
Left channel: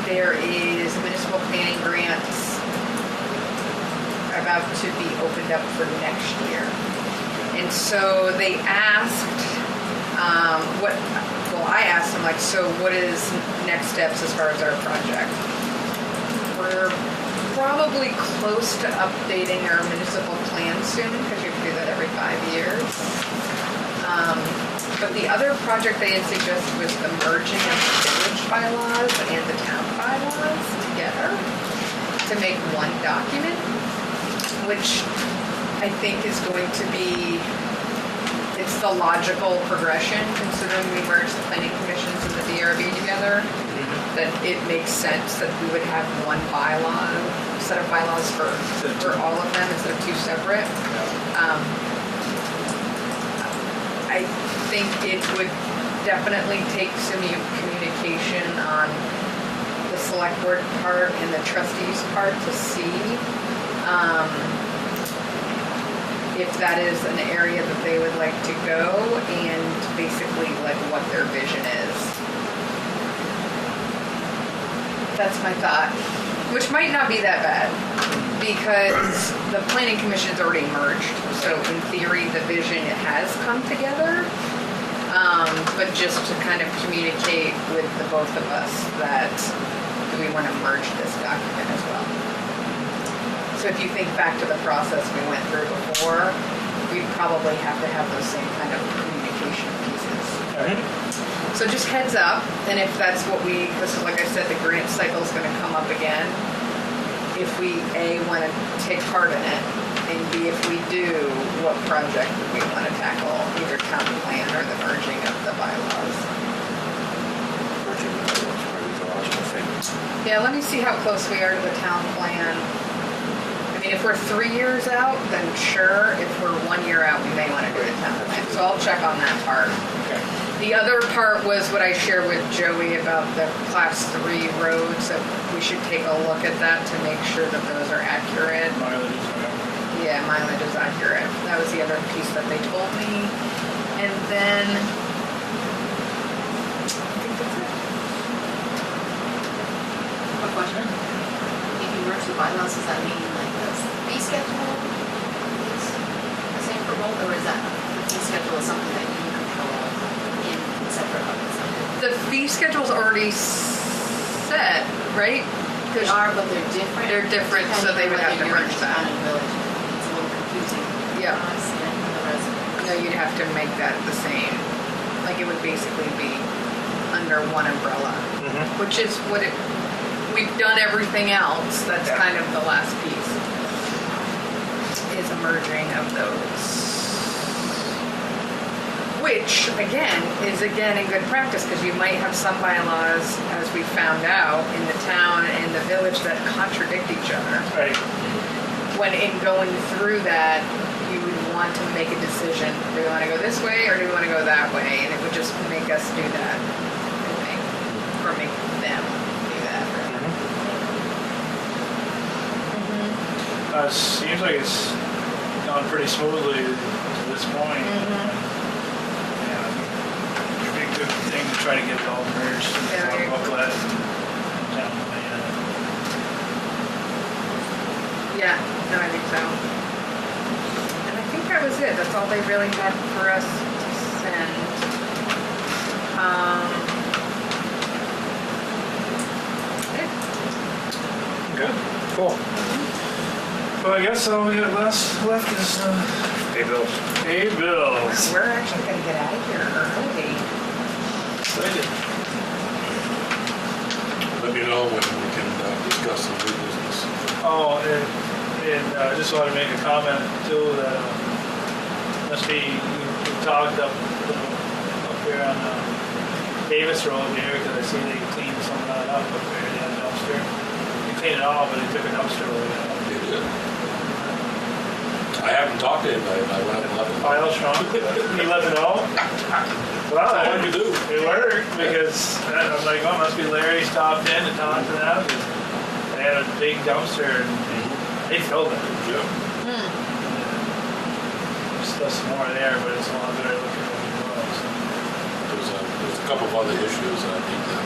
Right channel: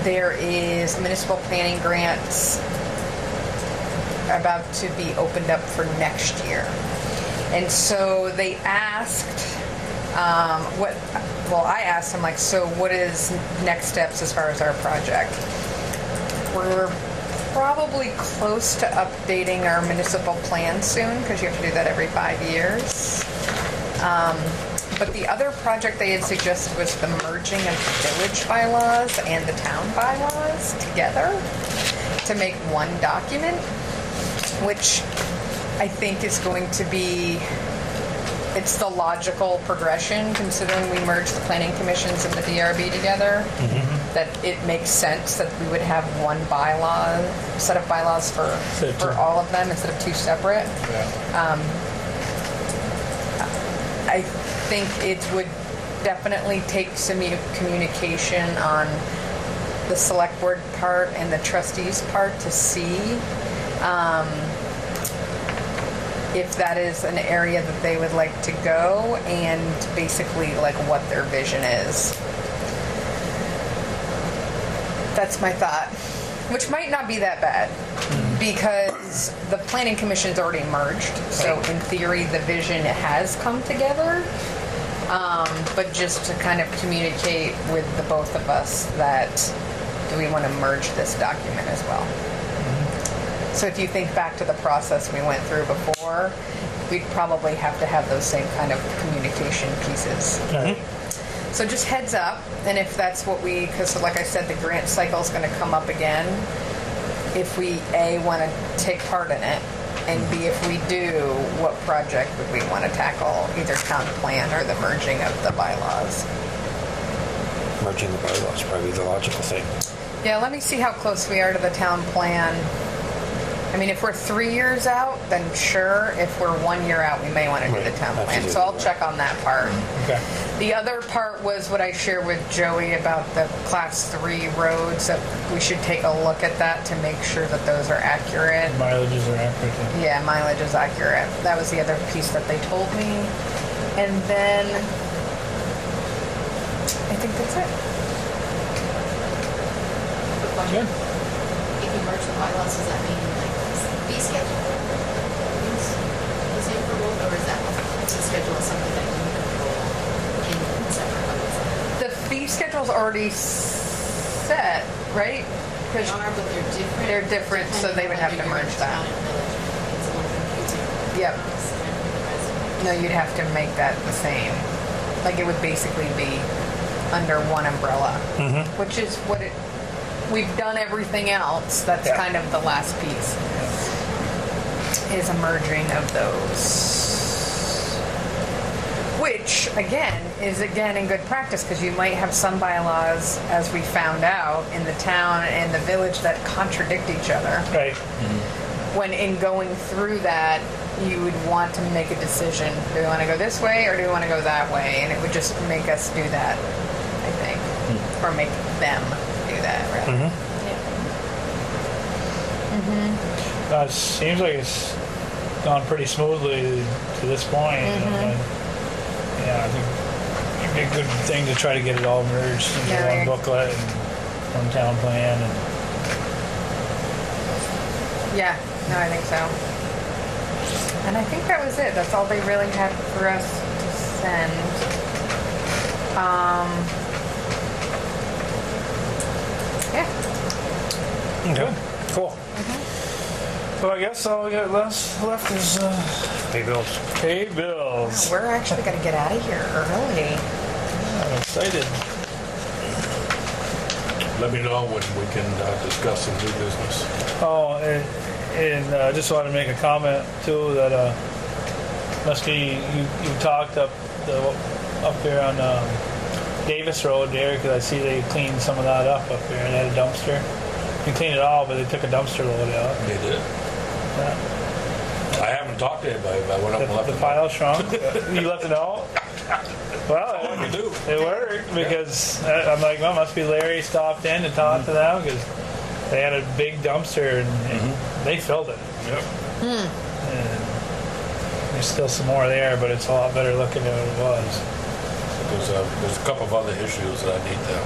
There is municipal planning grants about to be opened up for next year. And so they asked, I asked them, like, so what is next steps as far as our project? We're probably close to updating our municipal plan soon, because you have to do that every 5 years. But the other project they had suggested was the merging of the village bylaws and the town bylaws together to make one document, which I think is going to be, it's the logical progression, considering we merged the planning commissions and the DRB together, that it makes sense that we would have one bylaw, set of bylaws for all of them instead of two separate. I think it would definitely take some communication on the select board part and the trustees part to see if that is an area that they would like to go, and basically like what their vision is. That's my thought, which might not be that bad, because the planning commission's already merged, so in theory the vision has come together, but just to kind of communicate with the both of us that we want to merge this document as well. So if you think back to the process we went through before, we'd probably have to have those same kind of communication pieces. Right. So just heads up, and if that's what because like I said, the grant cycle is going to come up again. If we A, want to take part in it, and B, if we do, what project would we want to tackle, either town plan or the merging of the bylaws? Merging the bylaws probably the logical thing. Yeah, let me see how close we are to the town plan. I mean, if we're 3 years out, then sure. If we're 1 year out, we may want to do the town plan. So I'll check on that part. Okay. The other part was what I shared with Joey about the class 3 roads, that we should take a look at that to make sure that those are accurate. Mileages are accurate. Yeah, mileage is accurate. That was the other piece that they told me. And then, I think that's it. Quick question. If you merge the bylaws, does that mean like the fee schedule? It's the same for both, or is that fee schedule something that you control in separate websites? The fee schedule's already set, right? They are, but they're different. They're different, so they would have to merge that. Town and village. It's a little confusing. Yep. for us and for the residents. No, you'd have to make that the same. Like, it would basically be under one umbrella, which is what we've done everything else. That's Yeah. kind of the last piece, is a merging of those. Which, again, is in good practice, because you might have some bylaws, as we found out, in the town and the village that contradict each other. Right. When in going through that, you would want to make a decision. Do we want to go this way or do we want to go that way? And it would just make us do that, I think. Or make them do that, rather. Seems like it's gone pretty smoothly to this point. And, yeah, I think it'd be a good thing to try to get it all merged into Yeah, one booklet and one town plan. Yeah, no, I think so. And I think that was it. That's all they really had for us to send. Yeah. Good. Cool. So I guess all we got left is Pay bills. pay bills. We're actually going to get out of here early. I'm excited. Let me know when we can discuss some new business. Oh, and I just wanted to make a comment too that must be you talked up there on Davis Road there, because I see they cleaned some of that up there and had a dumpster. You cleaned it all, but they took a dumpster load out. They did. I haven't talked to anybody, but I went up and The looked. pile shrunk. You let it know? Well, What'd you do? it worked, because I'm like, oh, must be Larry stopped in to talk to them, because they had a big dumpster and they filled it. Yep. And there's still some more there, but it's a lot better looking than it was. There's a couple of other issues I need to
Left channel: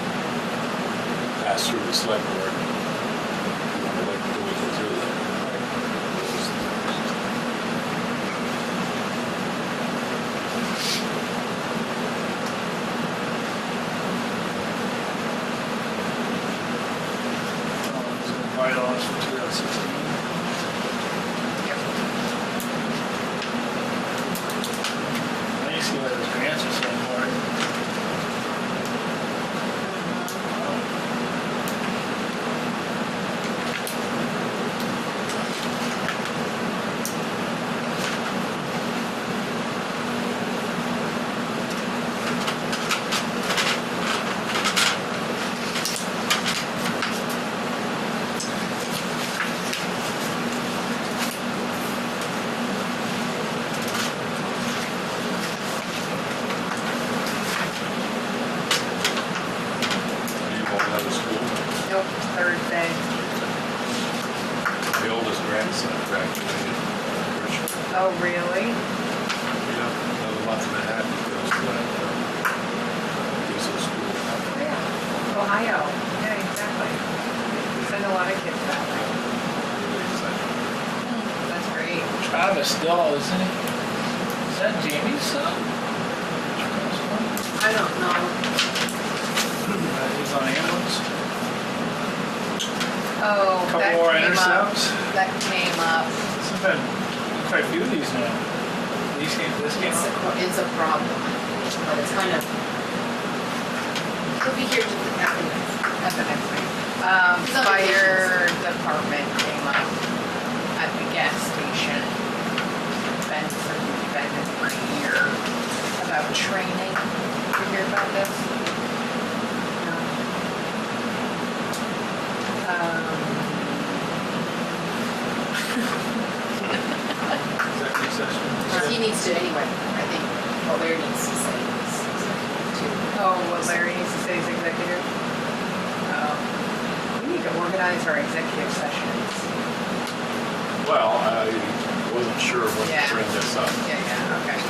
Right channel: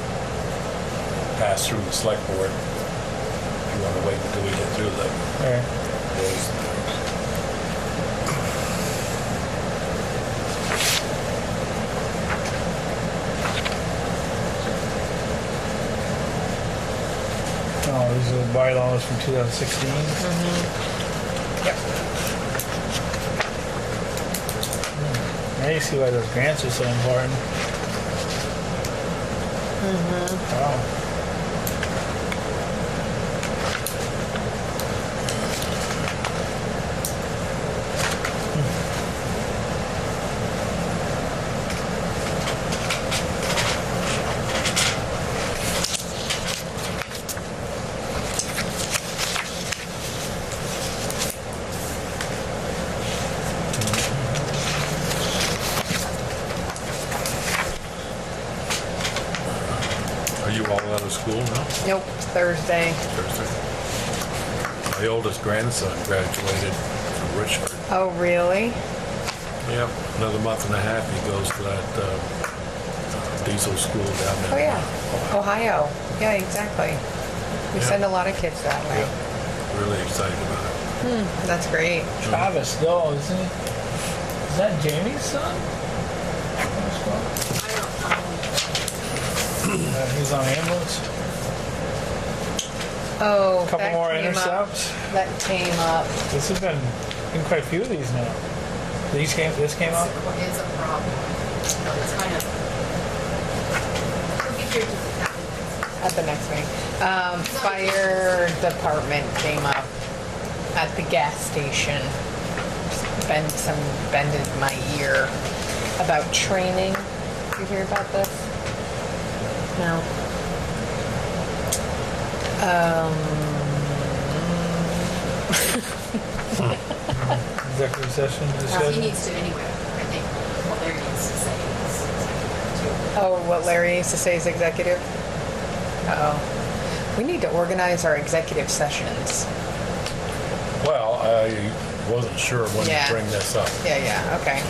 pass through the Selectboard. You want to wait until we get through them. Right. Oh, these are the bylaws from 2016. Yep. Now you see why those grants are so important. Wow. Are you all out of school now? Nope, Thursday. The oldest grandson graduated from Richmond. Oh, really? Yeah, another month and a half, he goes to that diesel school down Oh, in yeah. Ohio. Yeah, exactly. We send a lot of kids that way. Really excited about it. That's great. Travis still, isn't he? Is that Jamie's son? I don't know. He's on ambulance. Oh, Couple that more came intercepts. Up. That came up. This has been quite a few of these now. This came It's up. it's a problem. But it's kind of, he'll be here At the next meeting. He's on Fire department came up at the gas station. Bended my ear about training. Did you hear about this? No. Executive session. you Well, he said? needs to anyway, I think, what Larry needs to say is. Oh, what Larry needs to say is executive? Oh. We need to organize our executive sessions. Well, I wasn't sure when Yeah. to bring this up. Yeah, okay.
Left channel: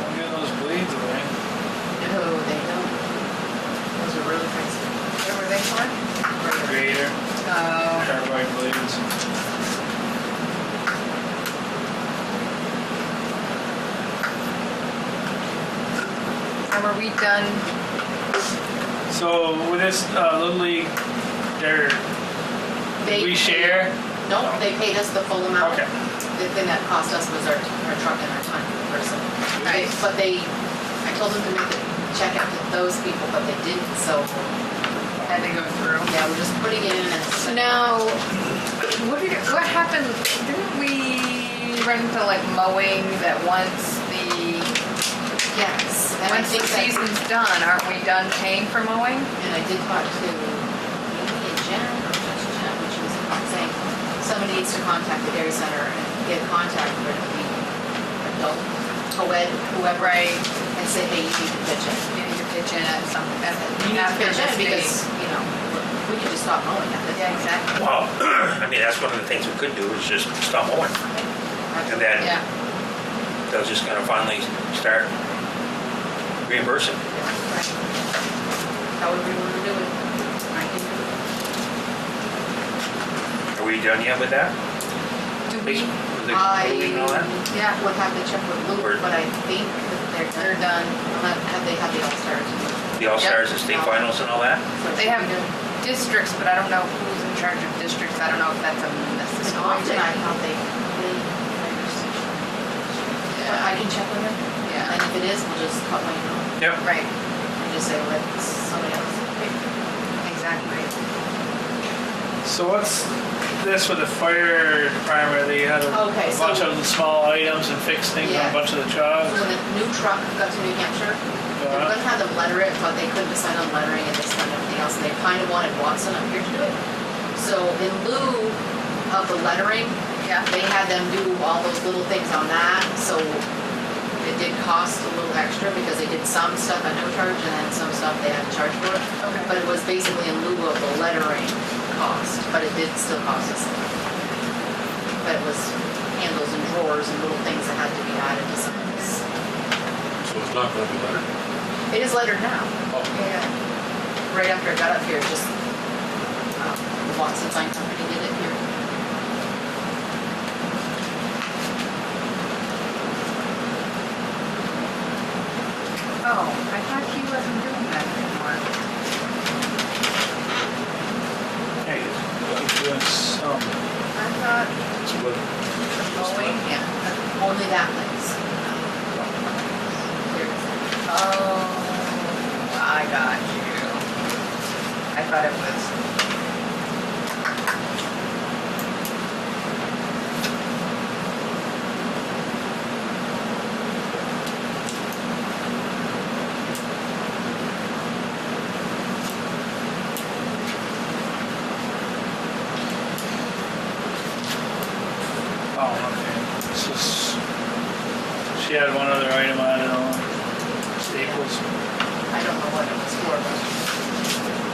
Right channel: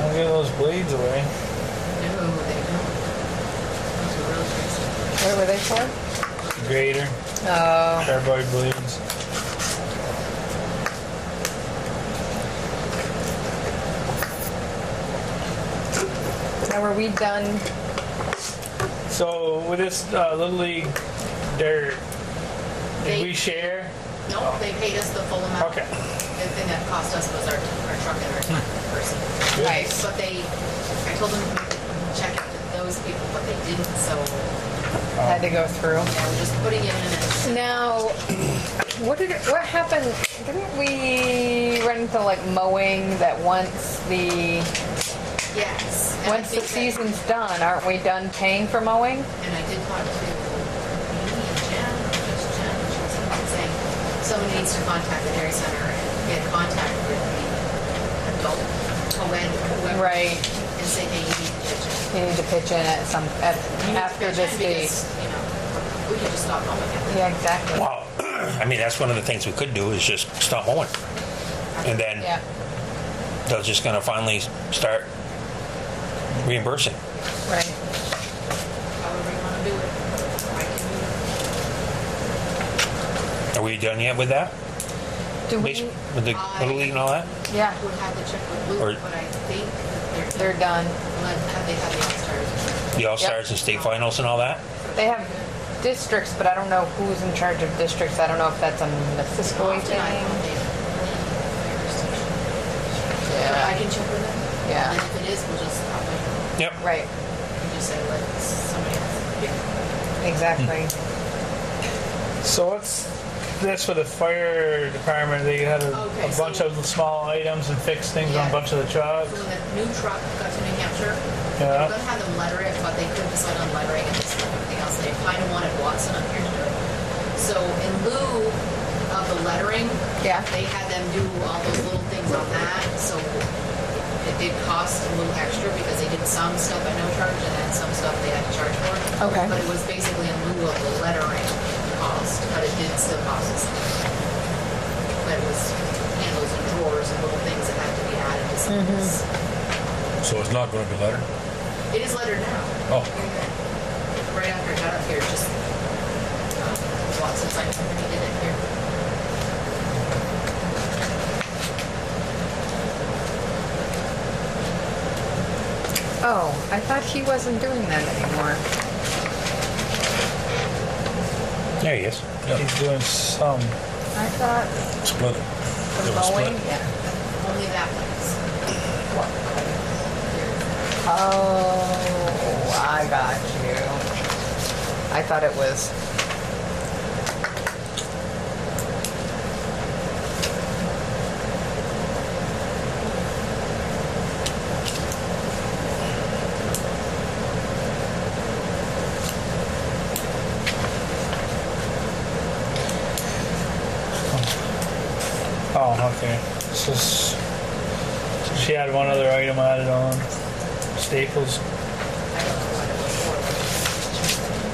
Don't get those blades away. No, they don't. Those are really expensive. What were they for? Grader, Oh, carbide blades. now are we done? So with this Little League, did we share? No, they paid us the full amount. Okay. The thing that cost us was our truck and our time person. Nice. But I told them to make a check out to those people, but they didn't, so, Had to go through. yeah, we're just putting it in as. Now, what happened? Didn't we run into like mowing that once the Yes. and I once the think that- season's done, aren't we done paying for mowing? And I did talk to maybe Jen, just Jen, and she was saying, somebody needs to contact the dairy center and get contact with the adult, co-ed, whoever. Right. And say, hey, you need to pitch it. You need to pitch in at some after Pitch this it date. because, you know, we could just stop mowing at the. Yeah, exactly. Well, I mean, that's one of the things we could do is just stop mowing. And then Yeah. they'll just gonna finally start reimbursing. Right. However you want to do it. I can Are we done yet with that? Do At least we? with the Little League and all that? Yeah. would have to check with Or- Luke, but I think They're done. Have they had the All-Stars? The All-Stars and state finals and all that? They have districts, but I don't know who's in charge of districts. I don't know if that's a Missisquoi Often I thing. thought they played River Station. But I can check with them. Yeah. And if it is, we'll just cut my ear Yep. Right. and just say, let somebody else pick. Exactly. So what's this with the fire department? They had a Okay, bunch so- of small items and fixed things on Yeah. a bunch of the trucks. When the new truck got to New Hampshire, they were Yeah. gonna have them letter it, but they couldn't decide on lettering and this and everything else, and they kind of wanted Watson up here to do it. So in lieu of the lettering, Yeah. they had them do all those little things on that, so it did cost a little extra because they did some stuff at no charge and then some stuff they had to charge for. Okay. But it was basically in lieu of the lettering cost, but it did still cost us. But it was handles and drawers and little things that had to be added to some of this. So it's not gonna be lettered? It is lettered now. Oh, Yeah. Right after I got up here, just Watson Sign Company did it here. Oh, I thought he wasn't doing that anymore. There he is. He's doing some. I thought split it. the It was split. mowing, yeah, only that place. Oh, I got you. I thought it was. So she had one other item added on, Staples. I don't know what it was for, but.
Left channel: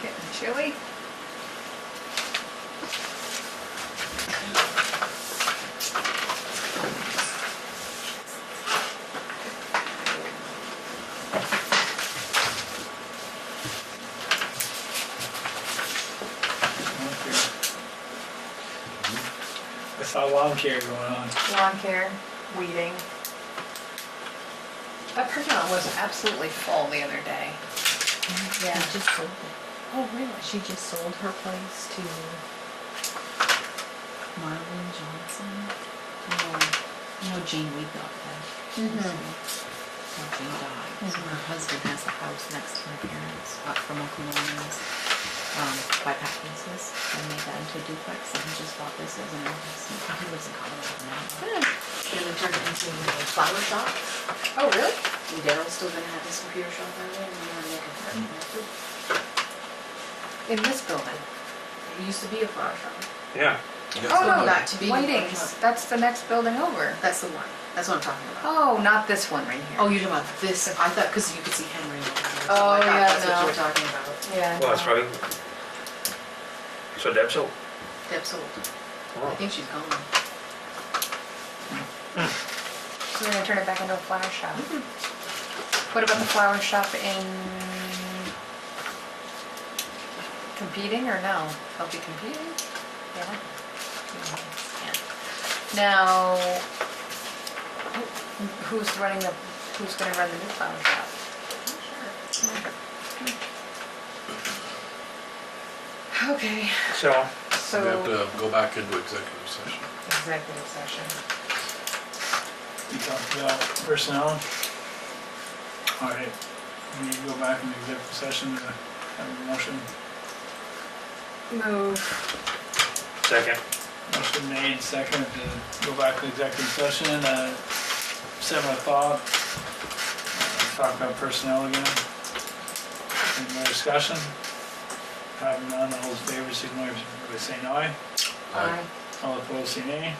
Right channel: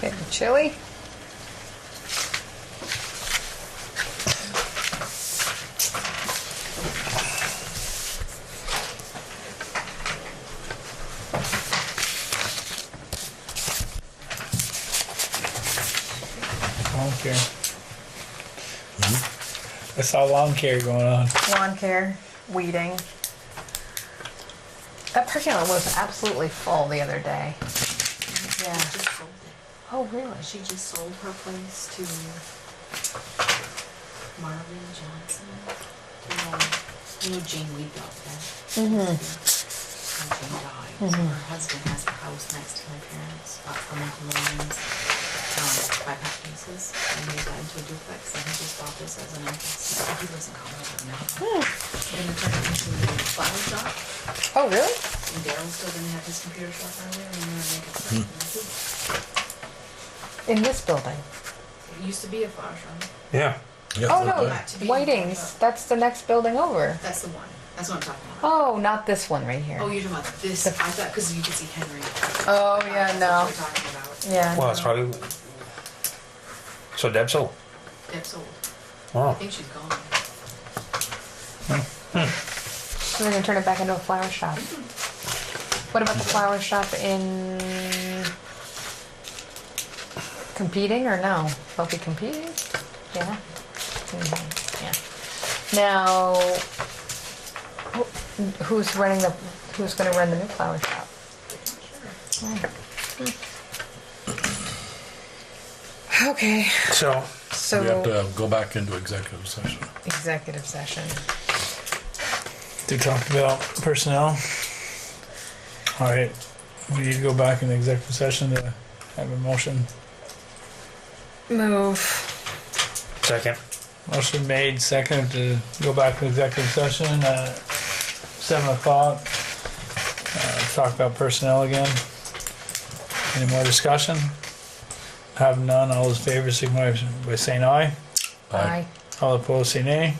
Getting chilly? Lawn care. I saw lawn care going on. Lawn care, weeding. That parking lot was absolutely full the other day. She Yeah. just sold it. Oh, really? She just sold her place to Marlon Johnson. You know Jane Weedoff, that. Mhm. How Jane died. So her husband has a house next to her parents, up from Uncle Norman's, by Pat Pieces. They made that into a duplex, and he just bought this as an investment. He lives in Colorado now. They're gonna turn it into a flower shop. Oh, really? And Daryl's still gonna have his computer shop down there, and they're gonna make it fresh. In this building? It used to be a flower shop. Yeah. Oh, no, Not to be. Whiting's. That's the next building over. That's the one. That's what I'm talking about. Oh, not this one right here. Oh, you're talking about this, I thought, because you could see Henry. Oh, I thought yeah, that's what no. you were talking about. Yeah. Well, that's probably. So Deb sold. Deb sold. I Oh. think she's gone. We're gonna turn it back into a flower shop. What about the flower shop in competing or no? Will it be competing? Yeah. Mhm, yeah. Now, who's gonna run the new flower shop? Okay, So, We have so to go back into executive session. executive session. To talk about personnel. All right, we need to go back in the executive session to have a motion. Move. second. Motion made, second to go back to executive session at 7 o'clock. Talk about personnel again. Any more discussion? Have none, all those in favor signify by saying aye. Aye. All opposed say nay.